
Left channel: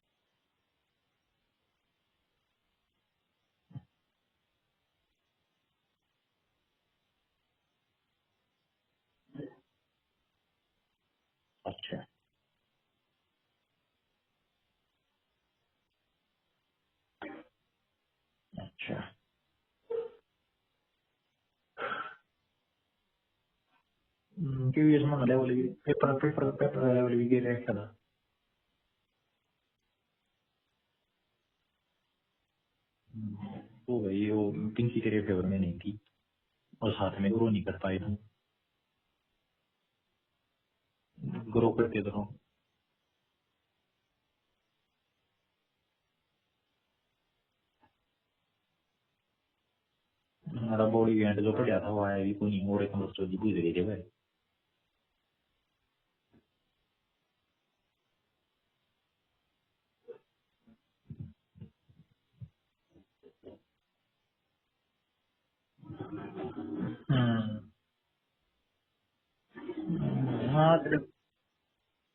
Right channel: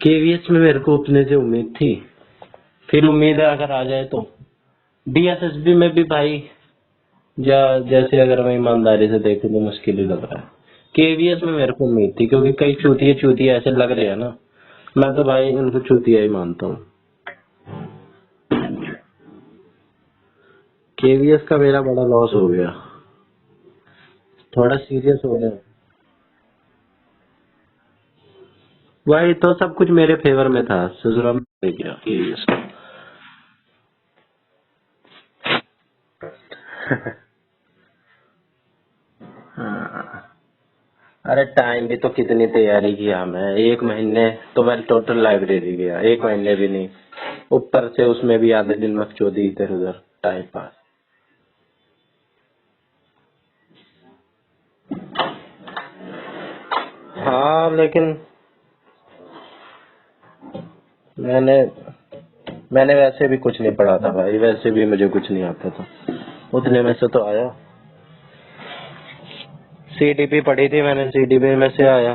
केवीएस में मेरे को अपने से उम्मीद थी, फिर उम्मीद है अगर आ जाए तो। डीएसएसबी में भी भाई जैसे अगर मैं ईमानदारी से देखूं तो मुश्किल ही लग रहा है। केवीएस में मेरे को उम्मीद थी क्योंकि कई चूतिए ऐसे लग रहे हैं ना, मैं तो भाई उनको चूतिया ही मानता हूँ। केवीएस का मेरा बड़ा लॉस हो गया, थोड़ा सीरियस हो गया। भाई तो सब कुछ मेरे फेवर में था, ससुरा में गया केवीएस का। वो भाई वो पिंकी तेरे फेवर में नहीं थी, साथ में ग्रो नहीं कर पाए तुम। अरे टाइम भी तो कितनी तैयारी किया मैं, 1 महीने तो मैं टोटल लाइब्रेरी गया, 1 महीने भी नहीं, ऊपर से उसमें भी आधे दिन मकचोदी इधर उधर टाइम पास। हमारा बॉडी इवेंट जो पड़ा था वो आया भी कोई नहीं, और एक मकचोदी गुजरी थे भाई। हाँ लेकिन मैंने वैसे भी कुछ नहीं पढ़ा था भाई, वैसे भी मुझे कुछ नहीं आता था, उतने में से तो आया। सीडीपी पढ़ी थी मैंने, सीडीपी में से आया।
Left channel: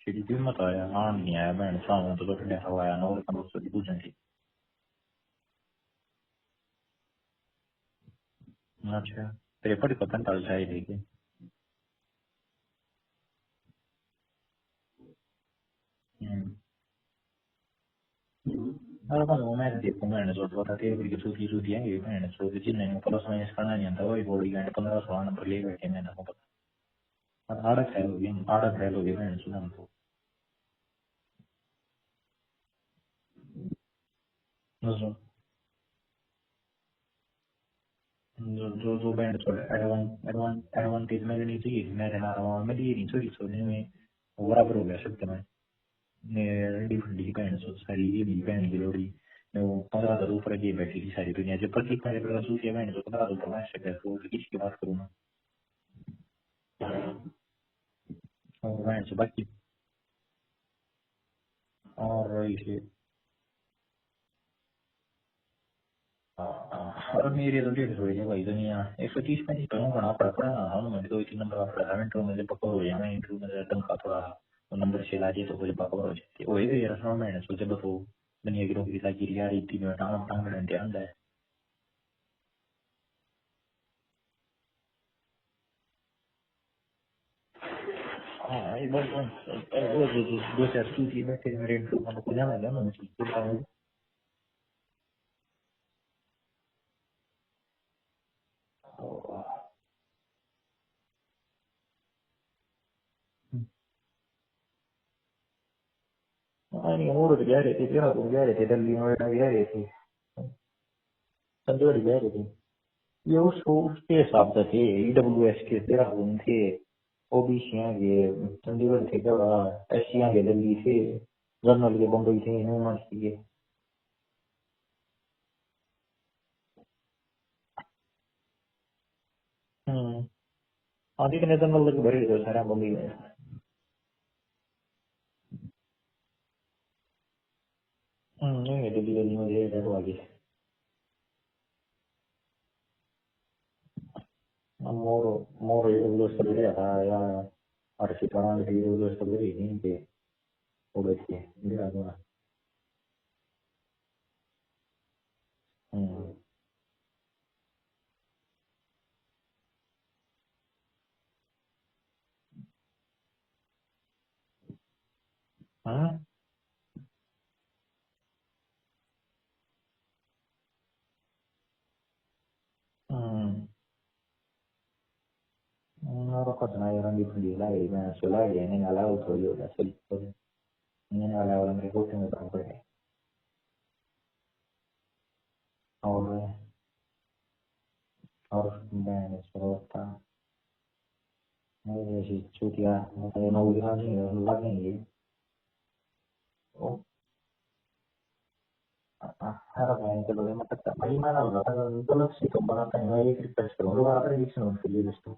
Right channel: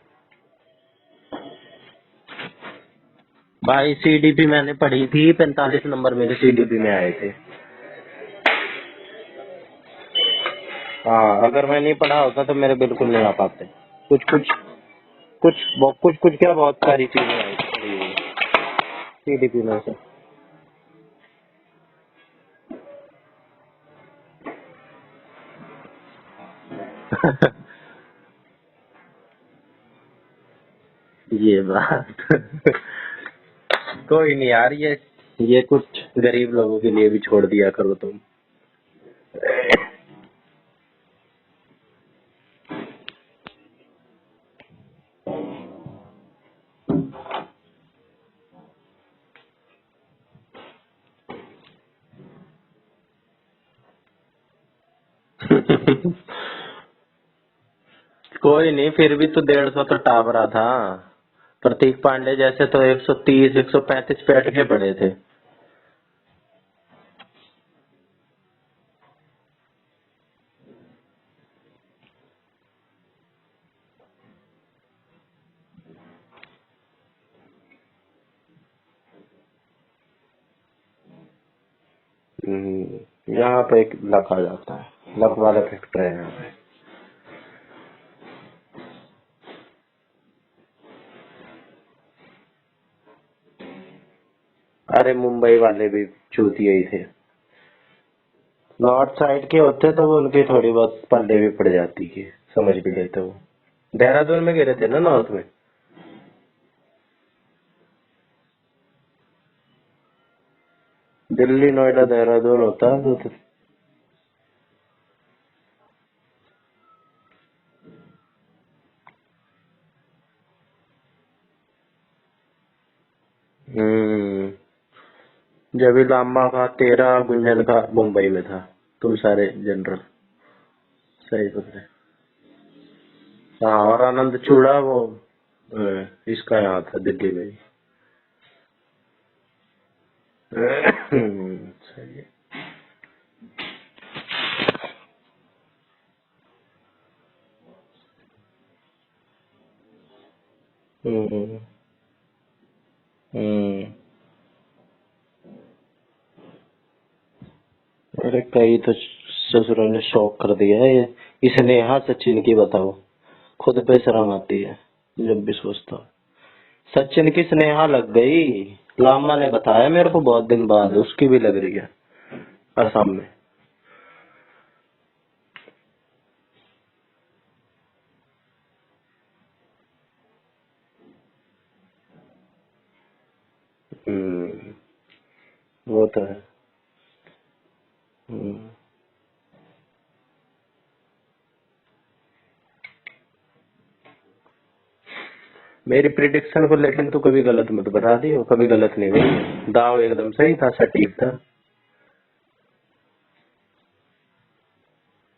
सीडीपी मत आया, हाँ नहीं आया बहन सामने तो बैठने का आया ना, और एक मकचोदी। भाई सीडीपी मैंने पढ़ी थी, 45 नंबर मेरे सीडीपी में आए थे। अच्छा तेरे पढ़ के 45 आए थे? हाँ अगर मैं नहीं पढ़ा होता तो मेरे बिल्कुल नहीं आ पाते। कुछ क्या बहुत सारी चीजें आई सीडीपी में से। मैंने सोच रहा था कि छुट्टी छुट्टी है मैंने सोचा कि नहीं प्लस माइनस करना नहीं आता, वही बॉडी इवेंट 15-16 नंबर ले गए थे मैंने सोचा। आड़ा फेल हो गए मैंने सुना तो। ये बात कोई नहीं यार, ये कुछ गरीब लोगों के लिए भी छोड़ दिया करो तुम। जो बैंड एडवांटेज मेरे नहीं थी, मेरे ना रहा मेरी नहीं थोड़ी सोचने में बराबर हो गया सकता है। सारी ये भी बैंड की लोड़ी 15,000 ऊपर की बैठी थी सारी दुनिया, जो प्रतीक मेरे पर सूचिया बैंड तो 15,000 मैं सकता है, किसकी बात करूँ? कोई नहीं, फिर भी तो 150 तो टाप रहा था। प्रतीक पांडे जैसे तो 130 135 पे अटके पड़े थे। और मेरे तो 150 हो भाई दुनिया 130-135 पे हूँ बना पड़ा हाँ मैं तो 2-3 नंबर आप पढ़ा इंटरव्यू में पक्का हो गया, मैं इंटरव्यू में टंका थोड़ा नंबर से लाजे तो मुझे पक्का हो जाती वही तो यार सुनो मैंने सोचा बको दुनिया की नौकरी लगी यार इतनी में टांग घंटे आंदा है। यहाँ पे एक लक आ जाता है, लक वाला फैक्टर है यहाँ पे। हाँ बस दो चार चीज़ बस मेरे इंटरव्यू में खुला लगा मैंने सोचा। अरे मुंबई वाले भी चूतिए ही थे, नॉर्थ साइड के होते तो वो उनकी थोड़ी बहुत पल्ले भी पड़ जाती थी, समझ भी लेते वो। देहरादून में गिरे थे ना नॉर्थ में। नहीं और तो जा रहे थे देहरादून जा रहे थे, दिल्ली नोएडा जा रहे थे। दिल्ली नोएडा देहरादून होता है ये उसके हिसाब से थे, ईडब्ल्यूएस के देहरादून थे, ओबीसी के चंडीगढ़ थे, एस के दिल्ली थे, जनरल के बम्बई थे, यूनिवर्सिटी के। जब भी लामा का 13 गुंजन का मुंबई में था, तुम सारे जनरल। सारा बम्बई में। हाँ और आनंद चूड़ा वो इसका यहाँ था दिल्ली में। दिल्ली में सही है। ऐसे कराने के लिए उसको ले नहीं थे वो दिया था अरे कई तो ससुरों ने शौक कर दिया है ये। इसने यहाँ सचिन की बताओ, खुद पे शर्म आती है जब भी सोचता हूँ। सचिन की स्नेहा लग गई, लामा ने बताया मेरे को बहुत दिन बाद, उसकी भी लग रही है असम में। और पता यार अंडी फंडी लाई मैं चला गया नहीं आला तो यो ऐसे नहीं आला वाला मेरे को नहीं पता पड़े वो तो है। और मैं सोचता मैं ये चूतिया मैं नौ दिन नहीं लगेंगे मेरी प्रिडिक्शन को लेकिन तो कभी गलत मत बता दियो, कभी गलत नहीं गई, दाव एकदम सही था, सटीक था। गलत से तो बनाता है मैं एक रिक्वेस्ट करूंगा दोबारा प्रेडिक्शन उसके लिए दोस्तों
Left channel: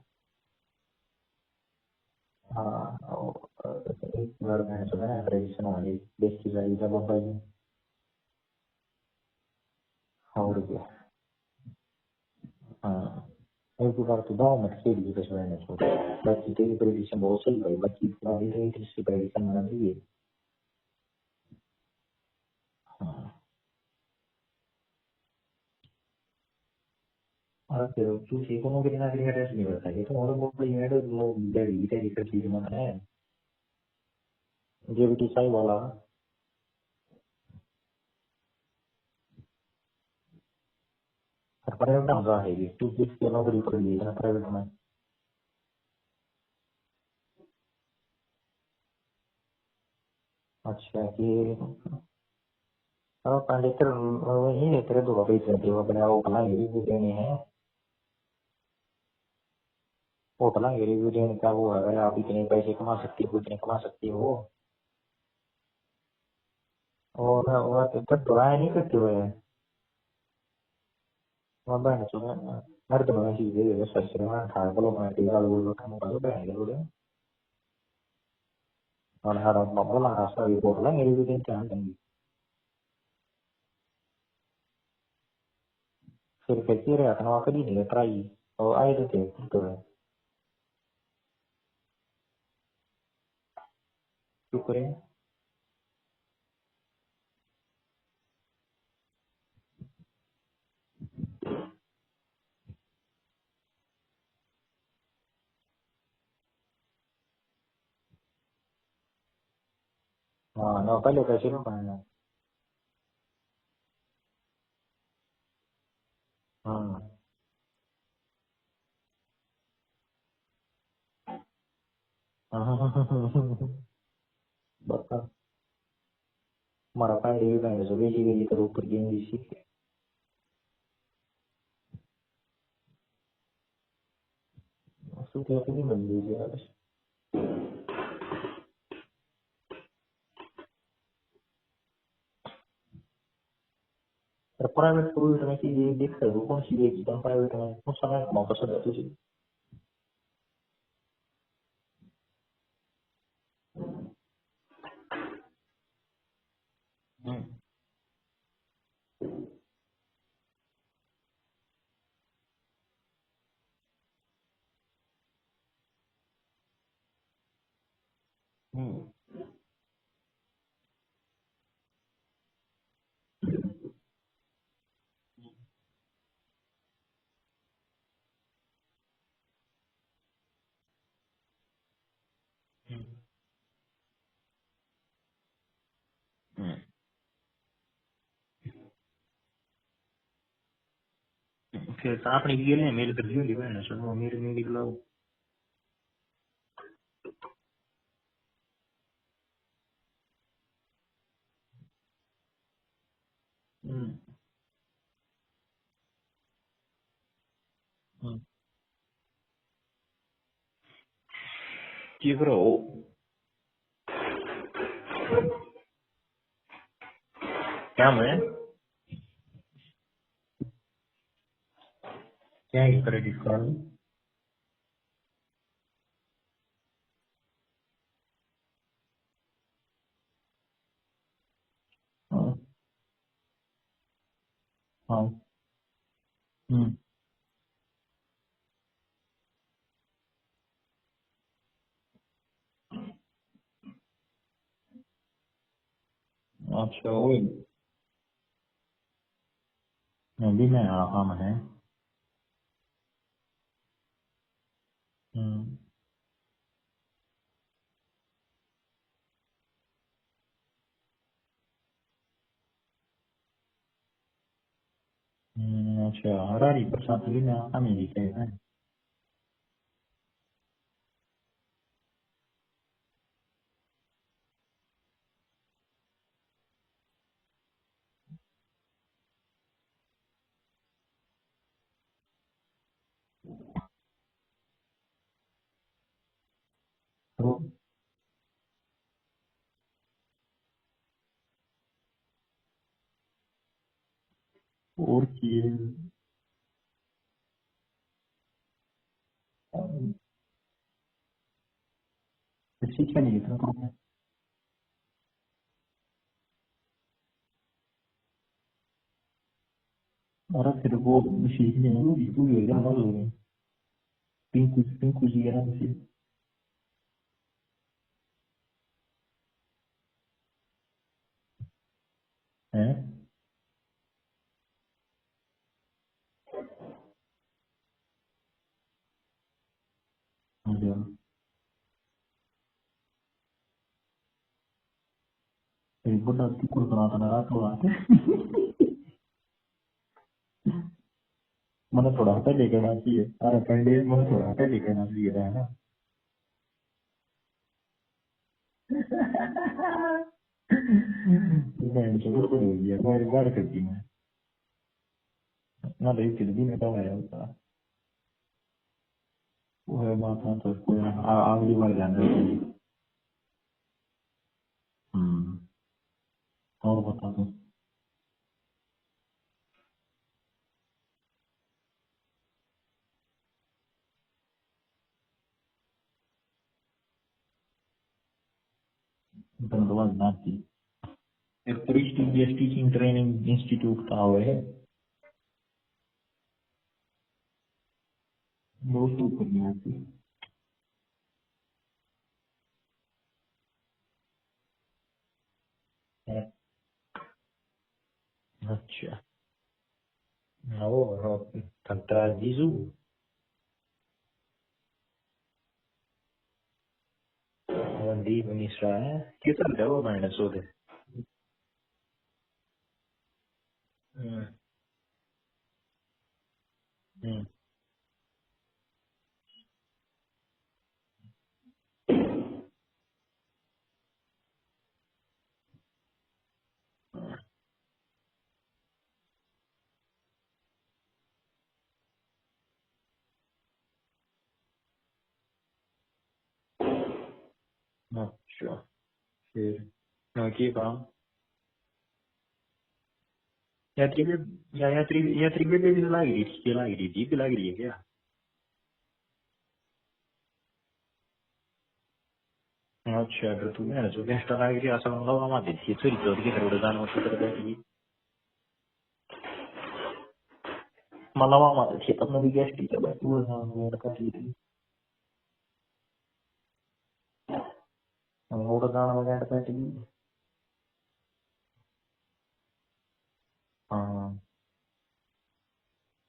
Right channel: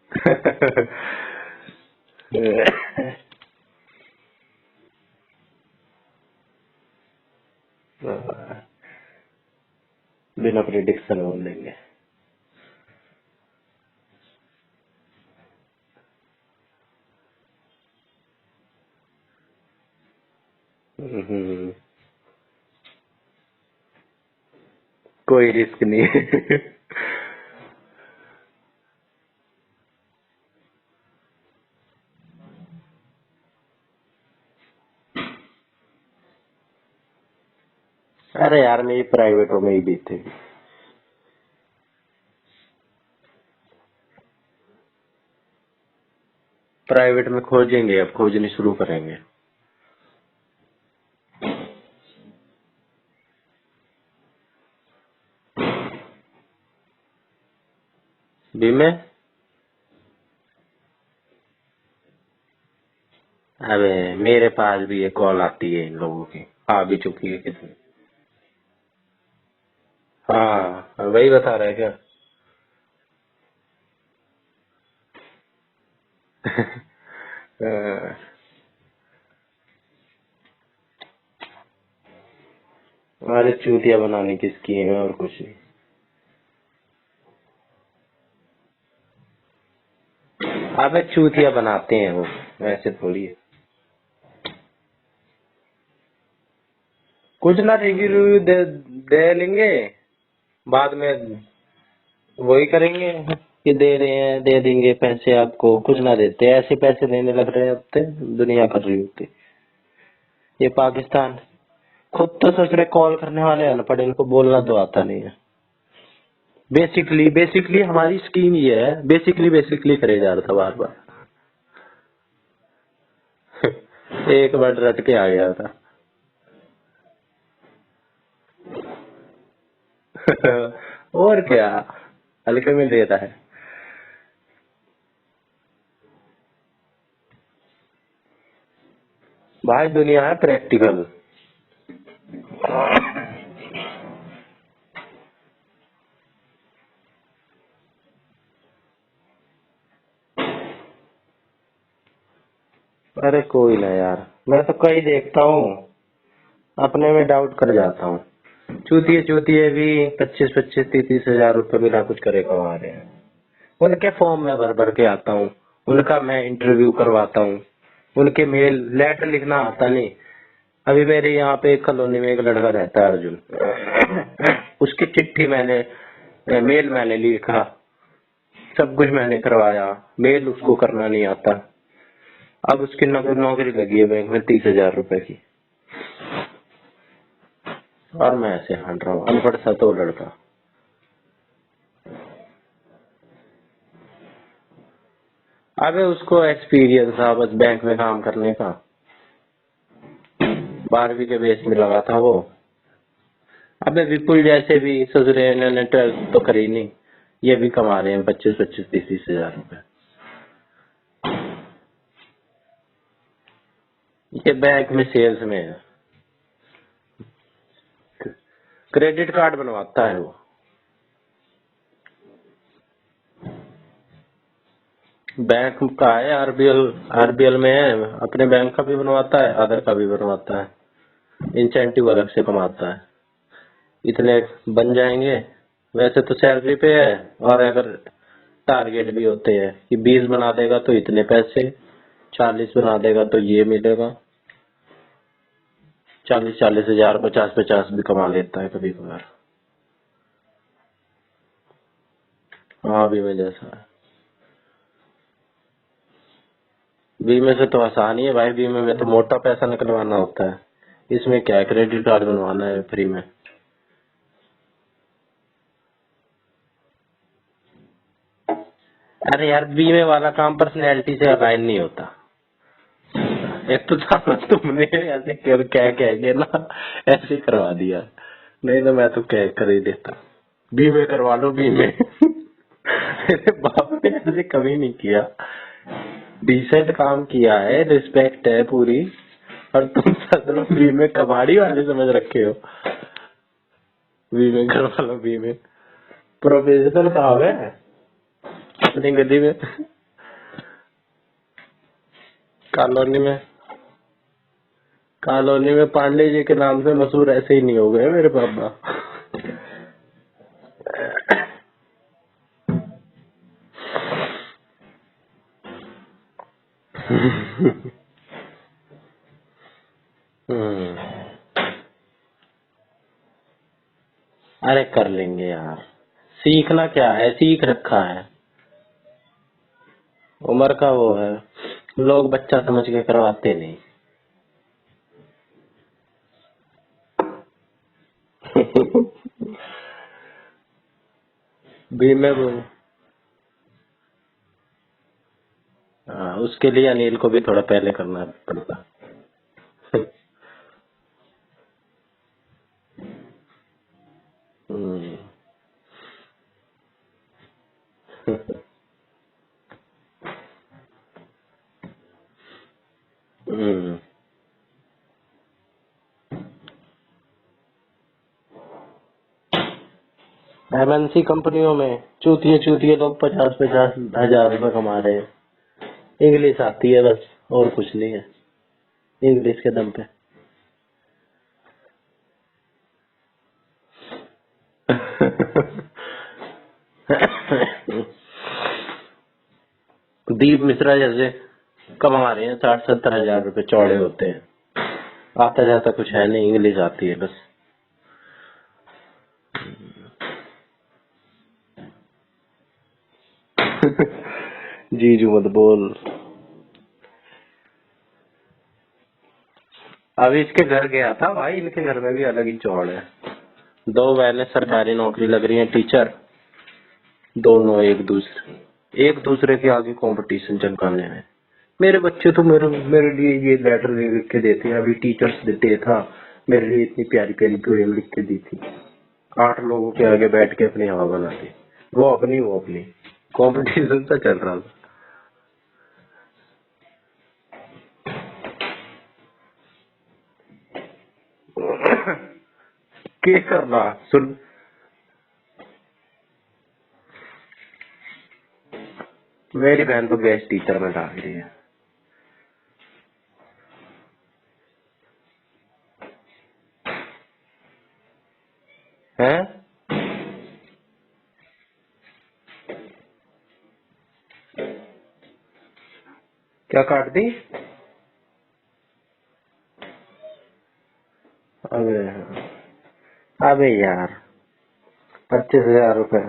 एक बार मैं सुना है प्रेडिक्शन वाली देश की जारी का बाबा जी बिना प्रिडिक्शन बोल देंगे। हाँ एक बार से दाव मत खेल ली तो मैंने सोचा बाकी तेरी प्रेडिक्शन बहुत सही भाई बाकी पूरी रेट इसकी प्रेडिक्शन ना दी कोई रिस्क नहीं हाँ फिर किसी को नौकरी ना करी टेस्ट नहीं करता ये तो और बहुत बड़ी मेड वो बड़ी तेरी कर दी मैंने है जो भी पाई वाला अरे यार मेरी प्राइवेट में ही दी थी। प्राइवेट में कहाँ है ये तू किस नौकरी कर ली ना प्राइवेट में खोजेंगे, अब खोजनी शुरू करेंगे। अच्छा ये अब पंडित वही है तेरे दो भाई तेरे वो भला रिव्यू देने हैं बीमे वो भला रिव्यू देने का वो है आप इतने पैसे कमा सकते हो इतने अबे मेरे पास भी ये कॉल आती है इन लोगों की, आ भी चुकी है। और तो बुराई नहीं करते हुए हाँ वही बता रहे क्या। हर तो मैं चीज ये सच में था बोलो मैं तेरा लोग काम कर रहा है और हर बोला रास्ता ये बोला मेरी भी टेंशन नहीं अरे चूतिया बनाने की स्कीम है और कुछ नहीं। फिर कहती रहे अपना कभी नहीं ट्राई और आए थे तो अबे चूतिया बनाते हैं वो, वैसे थोड़ी है। चुप रहे कुछ ना रिव्यू दे लेंगे, बाद में वही करेंगे कि दे रहे हैं दे देंगे पैसे आपको, कुछ ना देते, ऐसे पैसे देने लग रहे हैं अब तो दुनिया कर रही होती। ये पाकिस्तान खुद तो ससुरे कॉल करने वाले अनपढ़, इनको बोलना तो आता नहीं है। बेसिकली हमारी स्कीम ये है, बेसिकली करे जा रहा था बार बार एक बार रट के आ गया था हमारा पानी भी पहले से बेची करो कर और क्या हल्के में देता है। भाई दुनिया है प्रैक्टिकल। प्राइवेट स्कूल में की ये देख सकते हो कौन सी देखी तुम प्राइवेट में उस समय मौका सब तुझे अरे कोई ना यार, मैं तो कई देखता हूँ, अपने में डाउट कर जाता हूँ। चूतिए भी 25-30 हजार रुपए बिना कुछ करे कमा रहे हैं। उनके फॉर्म में भर भर के आता हूँ, उनका मैं इंटरव्यू करवाता हूँ, उनके मेल लेटर लिखना आता नहीं। अभी मेरे यहाँ पे एक कॉलोनी में एक लड़का रहता है अर्जुन, उसकी चिट्ठी मेल मैंने लिखा, सब कुछ मैंने करवाया, मेल उसको करना नहीं आता। अब उसकी नौकरी लगी है बैंक में 30,000 रुपए की, और मैं ऐसे हांड रहा हूँ, अनपढ़ सा तो लड़का। फिर आपने ये मेल कर दी बहन सुनो मेरे में निकला अबे उसको एक्सपीरियंस था बस बैंक में काम करने का, 12वीं के बेस में लगा था वो। अबे विपुल जैसे भी ससुरे ने 12th तो करी नहीं, ये भी कमा रहे हैं 25-30 हजार रुपए। ये बैंक में सेल्स में है, क्या मैं क्रेडिट कार्ड बनवाता है वो। क्या है क्रेडिट कार्ड बैंक का है, आरबीएल में है, अपने बैंक का भी बनवाता है, अदर का भी बनवाता है, इंसेंटिव अलग से कमाता है। इतने बन जाएंगे, वैसे तो सैलरी पे है, और अगर टारगेट भी होते हैं कि 20 बना देगा तो इतने पैसे, 40 बना देगा तो ये मिलेगा। 40 हजार 50 भी कमा लेता है कभी कभार। अभी मैं काम है। हाँ बीमे जैसा है। बीमे से तो आसान ही है भाई, बीमे में तो मोटा पैसा निकलवाना होता है, इसमें क्या है, क्रेडिट कार्ड बनवाना है फ्री में। अच्छा हरारी प्रसाद भी मैं आसान ही दिखे है। अरे यार बीमे वाला काम पर्सनैलिटी से अलाइन नहीं होता। एक तो तुमने ऐसे कह के ना ऐसे करवा दिया, नहीं तो मैं तो कह कर ही देता बीमे करवा लो बीमे। मेरे बाप ने ऐसे कभी नहीं किया, डिसेंट काम किया है, रिस्पेक्ट है पूरी, और तुम सब बीमे कबाड़ी वाले समझ रखे हो। बीमे करवा लो बीमे, प्रोफेशनल काम है अपनी गली में। कॉलोनी में पांडे जी के नाम से मशहूर ऐसे ही नहीं हो गए मेरे पापा। और तेरे को सीखने में भी पूरी एकदम हो गई। पिंकू जी है ना जी। हैं? अरे कर लेंगे यार, सीखना क्या है, सीख रखा है, उम्र का वो है, लोग बच्चा समझ के करवाते नहीं। बुढ़ा कुकुर बनाता मेरा तो आते। बीमे पहले कहना चाहिए, अरे पहले मैं थोड़ा पहले कहना चाहिए है ना। हाँ, उसके लिए अनिल को भी थोड़ा पहले करना पड़ता। मैं जो कुछ हो गया मैं बार कर दी मैं ना देख के भी मैं तो आया था। वो बात है तो कोई अगली बार ध्यान रखिए। और बता दो। एमएनसी कंपनियों में चूतिए लोग 50 हजार रुपए कमा रहे हैं। इंग्लिश आती है बस, और कुछ नहीं है, इंग्लिश के दम पे। प्रेस्टीजियस टीचिंग ट्रेनिंग इंस्टीट्यूट का हुआ है। दीप मिश्रा जैसे कमा रहे हैं 60-70 हजार रुपए चौड़े होते हैं, आता जाता कुछ है नहीं, इंग्लिश आती है बस। अच्छा वो लगता है जीजू। जीजू मत बोल। दीप मिश्रा है कितना अभी इसके घर गया था भाई, इनके घर में भी अलग ही चौड़ है। 2 बहनें सरकारी नौकरी लग रही हैं, टीचर, दोनों एक दूसरे के आगे कंपटीशन चमकाने में। मेरे बच्चे तो मेरे लिए ये लेटर लिख के देते हैं, अभी टीचर्स डे था, मेरे लिए इतनी प्यारी प्यारी पोएम लिख के दी थी। 8 लोगों के आगे बैठ के अपनी हवा बनाती, वो अपनी कंपटीशन सा चल रहा था। की काम क्या करना या त्रिवेदी भी लग रही है क्या? मेरी बहन तो गेस्ट टीचर में डाल रही है। अच्छा तो तू है जो गेस्ट लग रही है असं मतलब हमारे देखिए चोरी चोरी के रोड जाने से कर बैठी हैं, मतलब हमारे क्षेत्र में भी गेस्ट टीचर बैठी हुई है कर ली थी। क्या काट दी? रोड जाने वगैरह बैठी हुई। अबे यार 25,000 रुपए,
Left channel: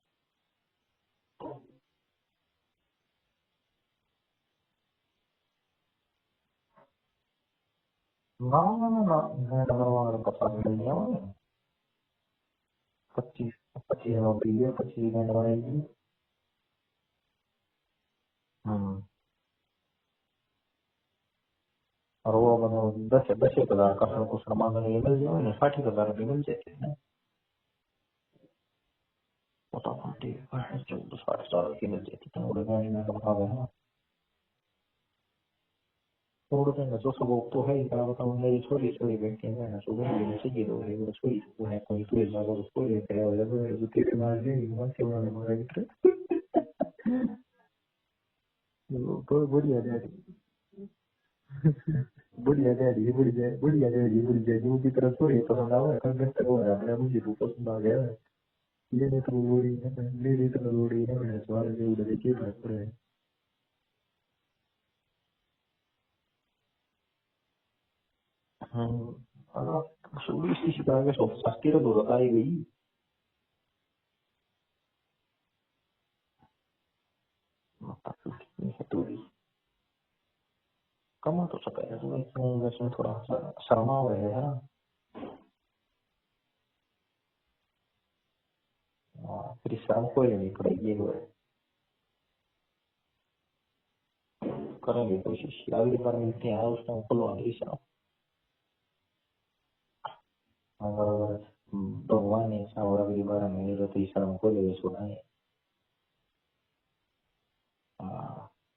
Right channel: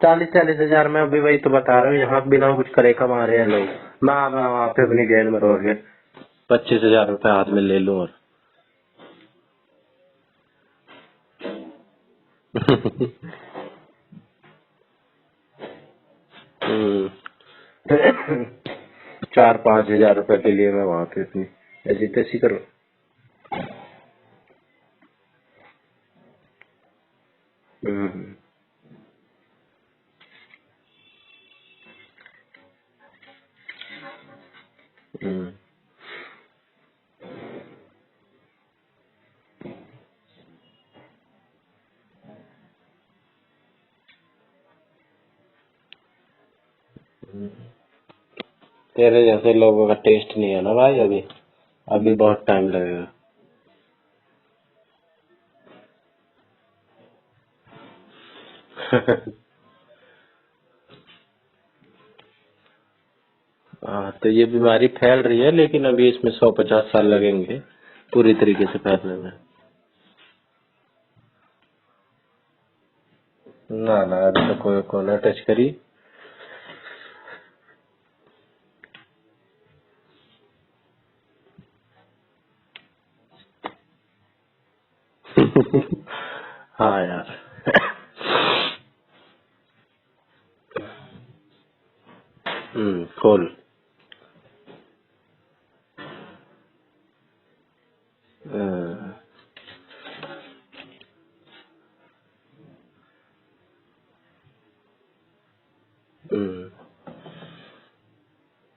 40 हजार में अभी वही तो बता रहा हूँ, यहाँ बिना कुछ करे कमा रहे हैं लोग। मैं वहाँ पे अपनी गेंद में रोक गया 25,000 रुपए हाथ में ले लूँ और ना पता नहीं लगा 25 नौकरी है 25 घंटे बनाएगी। 4-5 हजार रुपए के लिए मैं वहाँ पे अपनी ऐसी तैसी करूँ। 10,000 का कुछ सामान मिल जाए 60,000 रुपये मिल जाते हैं। मोटामोटी 14-60 की मिल जाती है थोड़ा सा जो सब को है इतना बताऊं मेरी छोटी व्यक्ति है ना जो मेरी चाहिए तो मेरी छोटी वो है कोई तो इस बार उसको ये करे और जो तेरे मार दे मन से वाला मगर तेरे जैसे लोगों का टेस्ट नहीं है ना भाई, अभी बहुत टाइम लगेगा। बढ़िया जो भी तरह तो ये पसंद आ रहा है कंटेंट वो है अपने मुझे रूप पसंद आ गया मेरी तरह रोड़ी ना मैंने सवाल के उड़े के पड़े हाँ, तो ये बीमारी फैल रही है, लेकिन अभी इसमें 150 साल लगेंगे पूरी तरीके से फैलने में। ना ना, अभी तो कोई ना टच करी। कमा तो सका है इसमें थोड़ा शर्मा हो रहा है। हाँ यार। फिर शर्म कोई नहीं करेगी। खोल। करेंगे कोशिश, अगली बार मिलते हैं उसमें खुलवाएंगे शर्म। अगर भगवान ने ऐसा और अगली बार मिलेगा तो शर्म को ले सुनाए।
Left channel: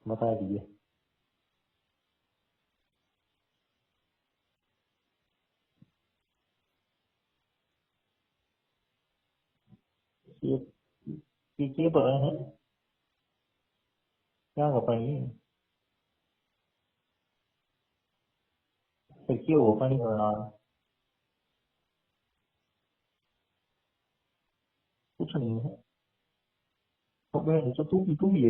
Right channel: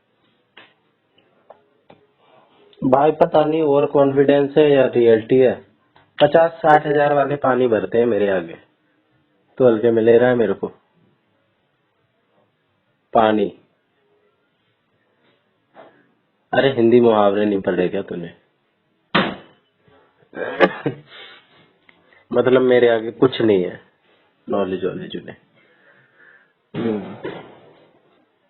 बता दीजिए भाई, पता नहीं ओवर कॉन्फिडेंस है या रियलिटी है। 50-60 हजार वाले पानी भरते हैं मेरे आगे, तो हल्के में ले रहा है मेरे को ये पता है पानी। क्या का पानी? अरे हिंदी मुहावरे नहीं पढ़े क्या तूने? वो पानी भरना मतलब मेरे आगे कुछ नहीं है, नॉलेज वॉलेज नहीं है। तो तू भी है।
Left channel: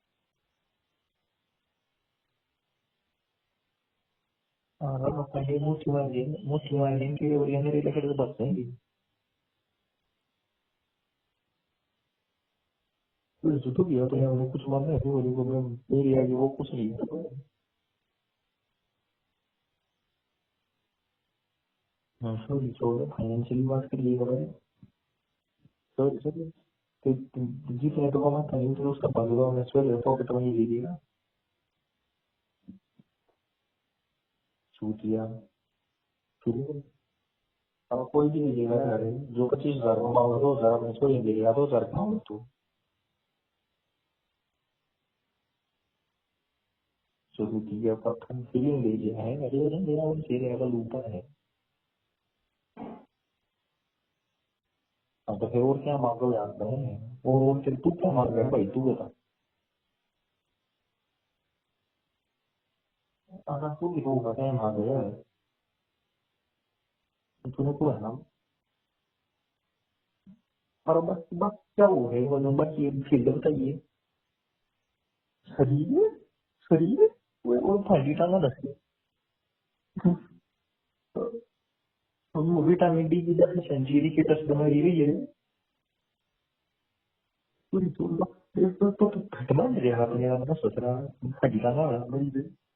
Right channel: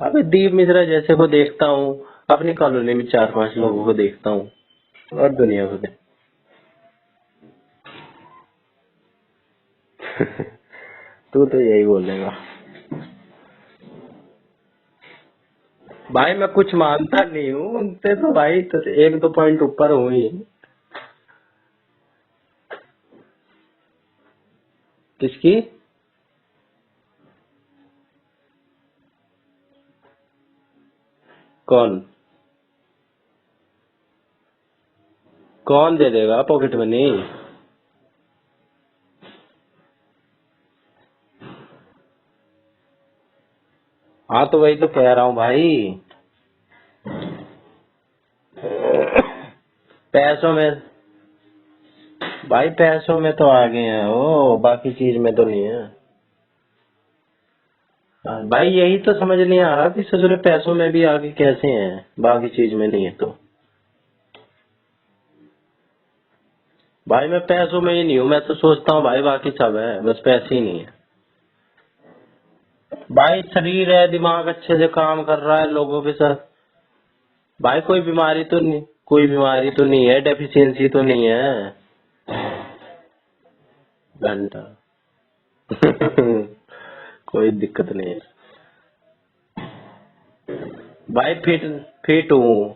अबे दीप मिश्रा जैसे को देखता हूँ, अपनी कॉलोनी में 4-5 लोगों को देखता हूँ, और दुनिया को तू तो यही बोलेगा। भाई मैं कुछ मानता नहीं हूँ उनसे, तो भाई तो 1-2 पॉइंट ऊपर हूँ ही। फाइनेंशियली बात करिए किसकी? जितने तो कमाता नहीं तो उसका 15 में से पॉकेट मनी दे देगा। कौन चूतिया कौन दे देगा पॉकेट मनी? अब कोई भी नहीं देगा। जो 25,000 कमाओ 2,000 में छोड़ देगा, 2,000 कमाओ तो। हाँ तो वही तो कह रहा हूँ भाई। पैसों में भाई, पैसों में तो आगे हैं वो, बाकी चीज में तो नहीं है भाई। यही तो समझ नहीं आ रहा कि ससुरे पैसों में भी आगे कैसे हैं, बाकी चीज में नहीं है तो। भाई मैं पैसों में ही नहीं हूँ, मैं तो सोचता हूँ भाई बाकी सब है, बस पैसे ही नहीं है। भाई शरीर है, दिमाग अच्छे से काम कर रहा है लोगों के साथ भाई, कोई बीमारी तो नहीं है, डेफिशिएंसी तो नहीं है। विटामिन डी की डेफिशिएंसी की बीमारी है। कोई दिक्कत नहीं है भाई, फिट हूँ,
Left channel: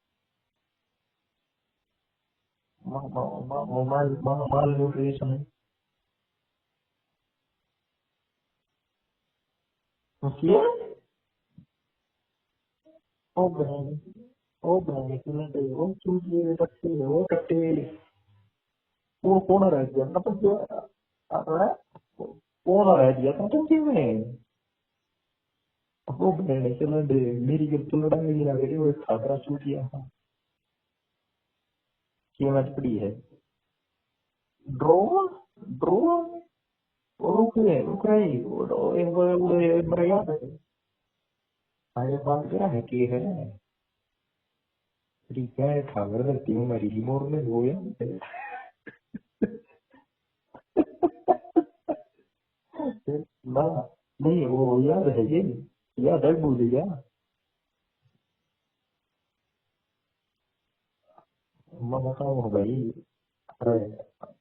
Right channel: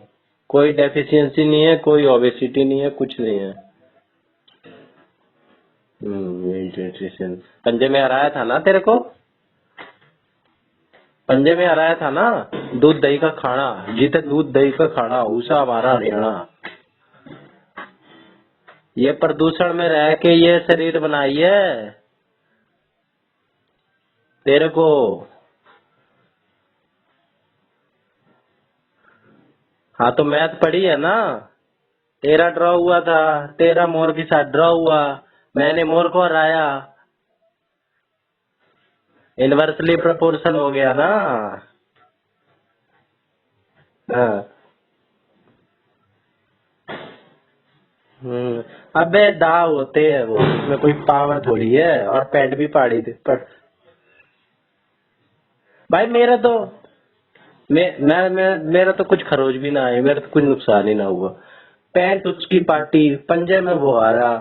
कोई डेफिशिएंसी नहीं है, कोई ओबेसिटी नहीं है, कुछ नहीं है। न्यूट्रिशन पंजे में हराया था ना तेरे को, पंजे में हराया था ना। दूध दही का खाना, जीते दूध दही का खाना, उषा हमारा हरियाणा। ये प्रदूषण में रह के ये शरीर बनाई है तेरे को। हाँ तो मैथ पढ़ी है ना, तेरा ड्रॉ हुआ था, तेरा मोर के साथ ड्रॉ हुआ, मैंने मोर को हराया, इनवर्सली प्रोपोर्शन हो गया ना। हाँ। अबे दाव होते हैं वो, उसमें कोई पावर थोड़ी है, और पैंट भी पाड़ी थी भाई। मेरा तो मेरा तो कुछ खरोच भी ना है, मेरा तो कुछ नुकसान ही ना हुआ। पैंट उसकी पार्टी, पंजे में वो आ रहा।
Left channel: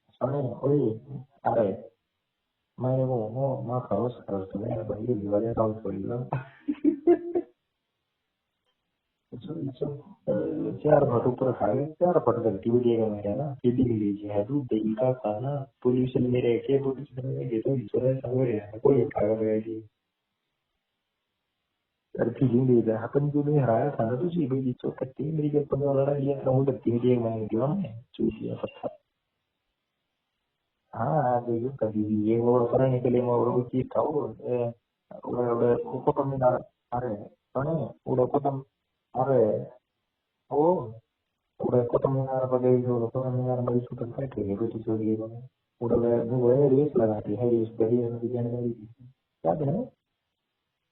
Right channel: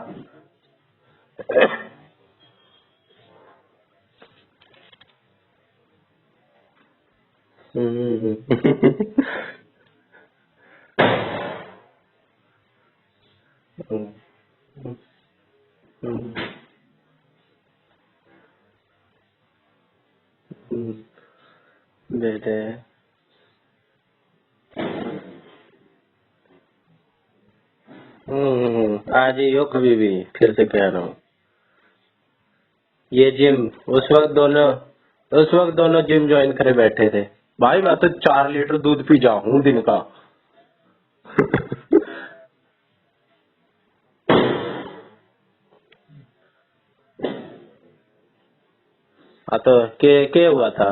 आज ही हो कभी भी, फिर से कह रहा हूँ। ये जिम उस वक्त दोनों जिम ज्वाइन करे बैठे थे भाई। मैं तो 4 लीटर दूध पी जाऊँ दिन का। हाँ तो के हुआ था,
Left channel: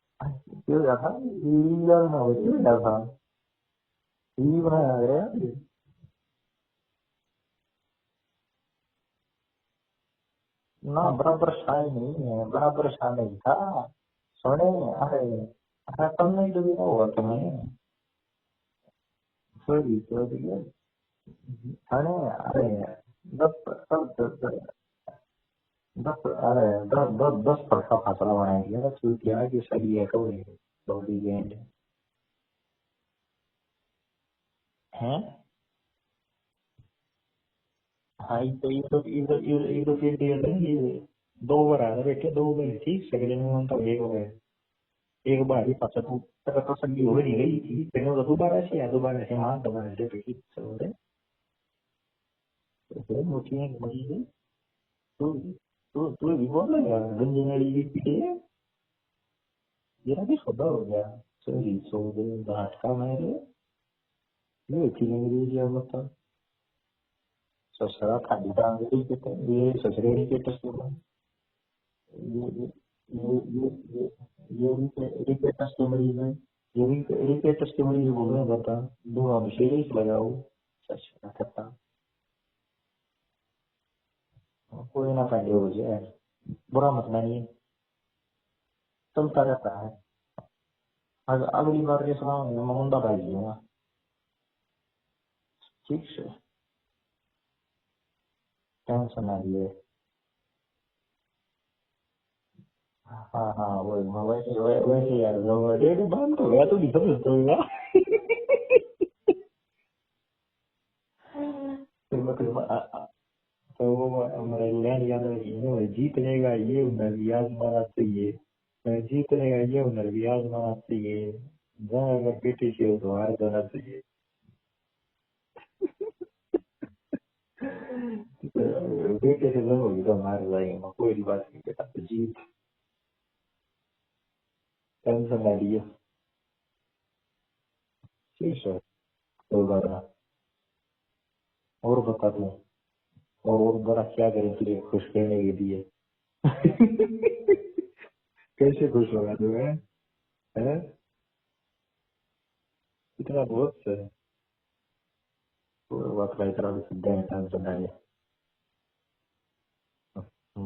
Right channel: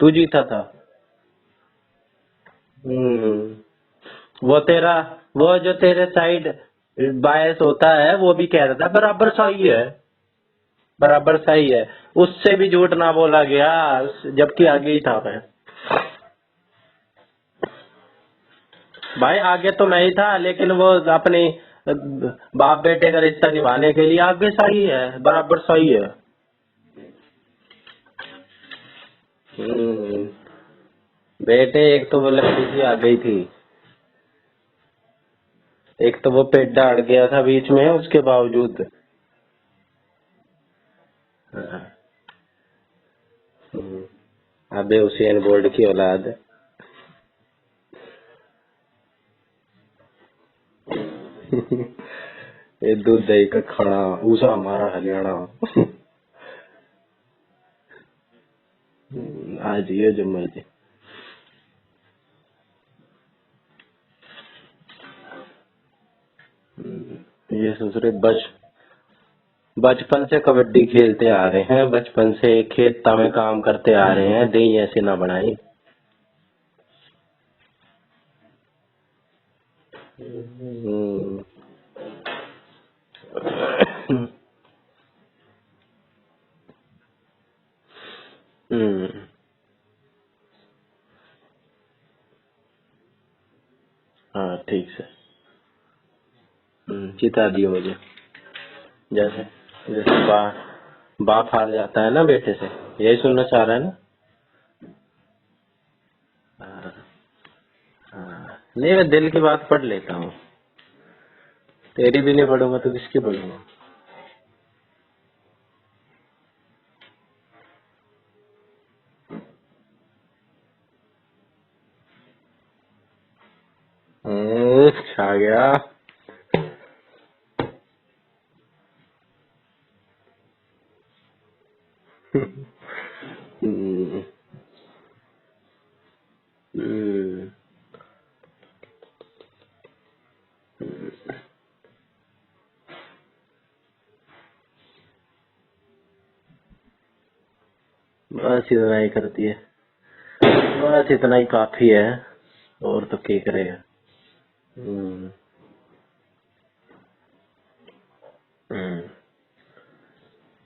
तू जीता था। वो जो तेरे साइड बायस होता है, वो भी कह रहा था बराबर सही है, बराबर सही है, उससे भी झूठ ना बोला गया, जबकि आगे ही था मैं। नहीं तो क्या हुआ तुम्हें? भाई आगे तो मैं ही था, लेकिन वो अपने बाप बेटे का रिश्ता निभाने के लिए आगे सही है, बराबर सही है। अरे 10 फटका फाटला बनाएंगे तू क्या कि बेटे एक तो वो लड़की सी आ गई थी, हैं? एक तो वो पेट अड़ गया था बीच में, उसके बावजूद। ये 2 ओवर आ रहे बेटे, 2 ओवर ठीक सेकंड में उनका एक हो गया। अबे उसेन बोल्ट की औलाद है। तो सब्जी हो ही गई थी, तेरे दोबारा से हाँ दोबारा से बेटी ये दूध दही का खाना ऊसा हमारा हरियाणा। तू भी बोल रहा है गंजी नाली की पीछे आज ये जो मर्जी। हो गया तेरी छोड़ दे बात का मेरे ये की मेरी क्या बता ये ससुरे बचपन से कबड्डी खेलते आ रहे हैं, बचपन से खेत में काम करते आ रहे हैं, दही ऐसे ना बनाए। रिकेटर्स के मरीज बोल रहे हैं बता दो अभिषेक लगाओ कोई ना पहले हो जाए बुरा मत मानिए चलता रहता है। अगली बार के सुनाओ मुंडा भाई दूंगा। हाँ ठीक से ठीक चिता दियो मुझे। जैसे बाप हार जाता है ना बेटे से, यही सुनना चाह रहे हैं ना? वैसे यार बात हो गया तो नहीं, मैं दिल की बात पढ़ लेता हूँ, तेरी भी नहीं पढ़ूंगा तो किसकी पढ़ूंगा? तो हमारा इंग्लैंड याद है जीत लेगा ये नरवियाज मनाते ये जीत लेगा ये नरवियाज मनाते ये अगर बेटी से तो हार बनाते ये छा गया। बेटे से जब होगी तो मार जाएंगे कोई बात नहीं बेटा जीत टेंशन ना लिए ठीक है कोई बात ना। और बता दूं और बड़ा क्या करें तेरे खुश करने के लिए बस इतना ही करती है, बस इतना ही काफी है, और तो क्या करेगा। बात भाई तरह सिद्धांत बनाए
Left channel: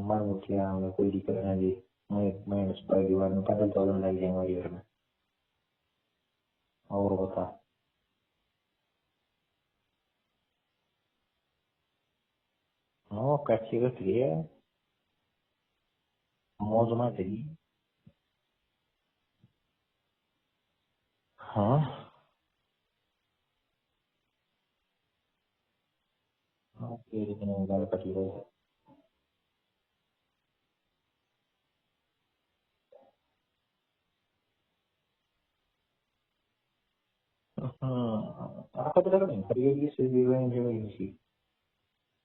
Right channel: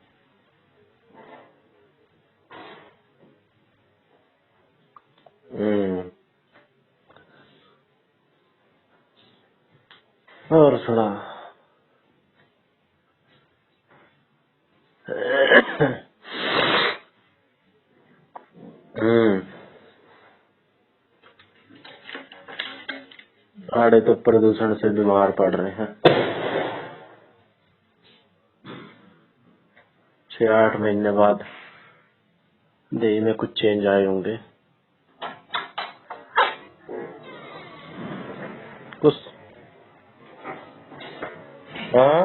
मैं मुझे हमें कोई दिक्कत नहीं मैं उस पर दीवार में पैदल चलने लग जाएंगे और में और बता और सुना। हाँ कैसी कैसी है ना सही हाँ आड़े तो प्रदूषण से बीमार पड़ रहे हैं। 6-8 महीने बाद देह में कुछ चेंज आए होंगे। हाँ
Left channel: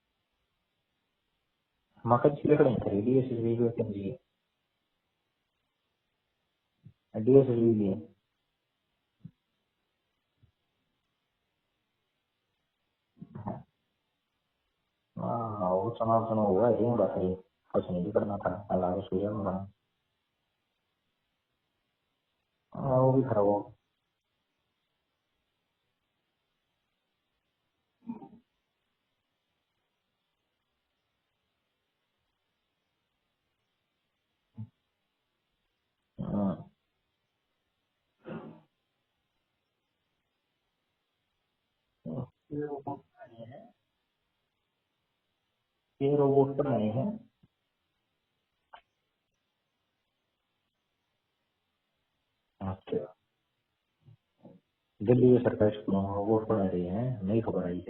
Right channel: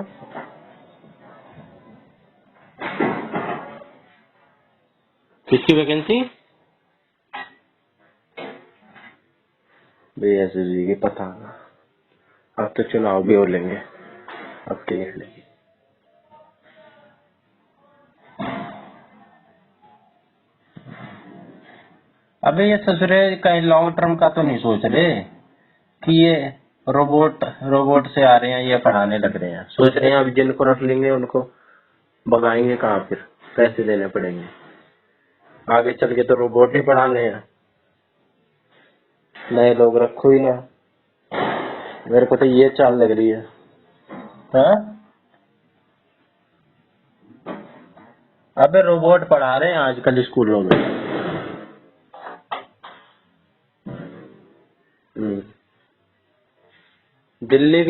किसकी वैकेंसी? बीएससी की पता, अब तो चुनाव भी हो लेंगे अब के। वो चुनाव हुआ है बात नहीं कुछ नहीं करना पड़ेगा। अबे ये ससुरे कहीं लॉन्ग टर्म का तो नहीं सोच रहे कि ये रोबोट से आ रहे हैं, ये पढ़ाने लग रहे हैं, सोच रहे हैं अब जिनको रख लेंगे उनको भगाएंगे कहाँ, फिर पैसे देने पड़ेंगे आगे चल के, तो रोबोट ही पढ़ाने हैं, नए लोग रखो ही ना। मेरे को तो ये चाल लग रही है। हाँ ये रोबोट पर नहीं है। अबे रोबोट पढ़ा रहे हैं आजकल स्कूलों में। दिल्ली के सरकारी स्कूलों में रोबोट पढ़ा रही है नहीं? दिल्ली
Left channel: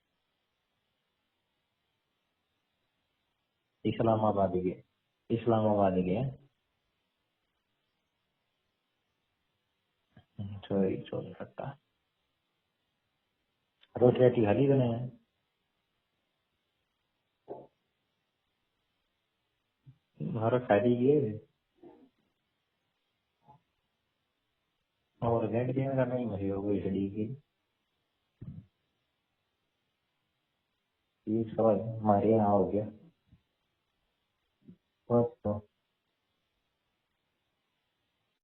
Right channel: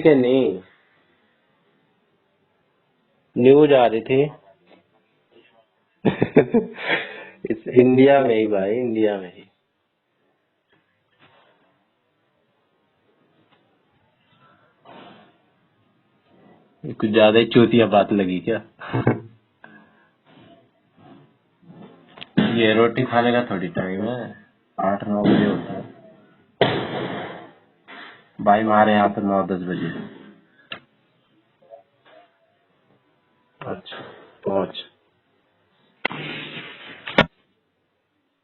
के नहीं न्यूज आ रही थी इस्लामाबाद की इस इंडिया में ही भाई, इंडिया में ही। छोड़ सकता रोटी खाली बने कुछ ज्यादा ही चूतिया बात लगी क्या? भारत खाली ये रोटी खाने का थोड़ी टाइम है, 8-9 बजे होता है भाई, हमारे यहाँ तो 9-10 बजे। हमारे यहाँ हो गया। अच्छा पहुँच।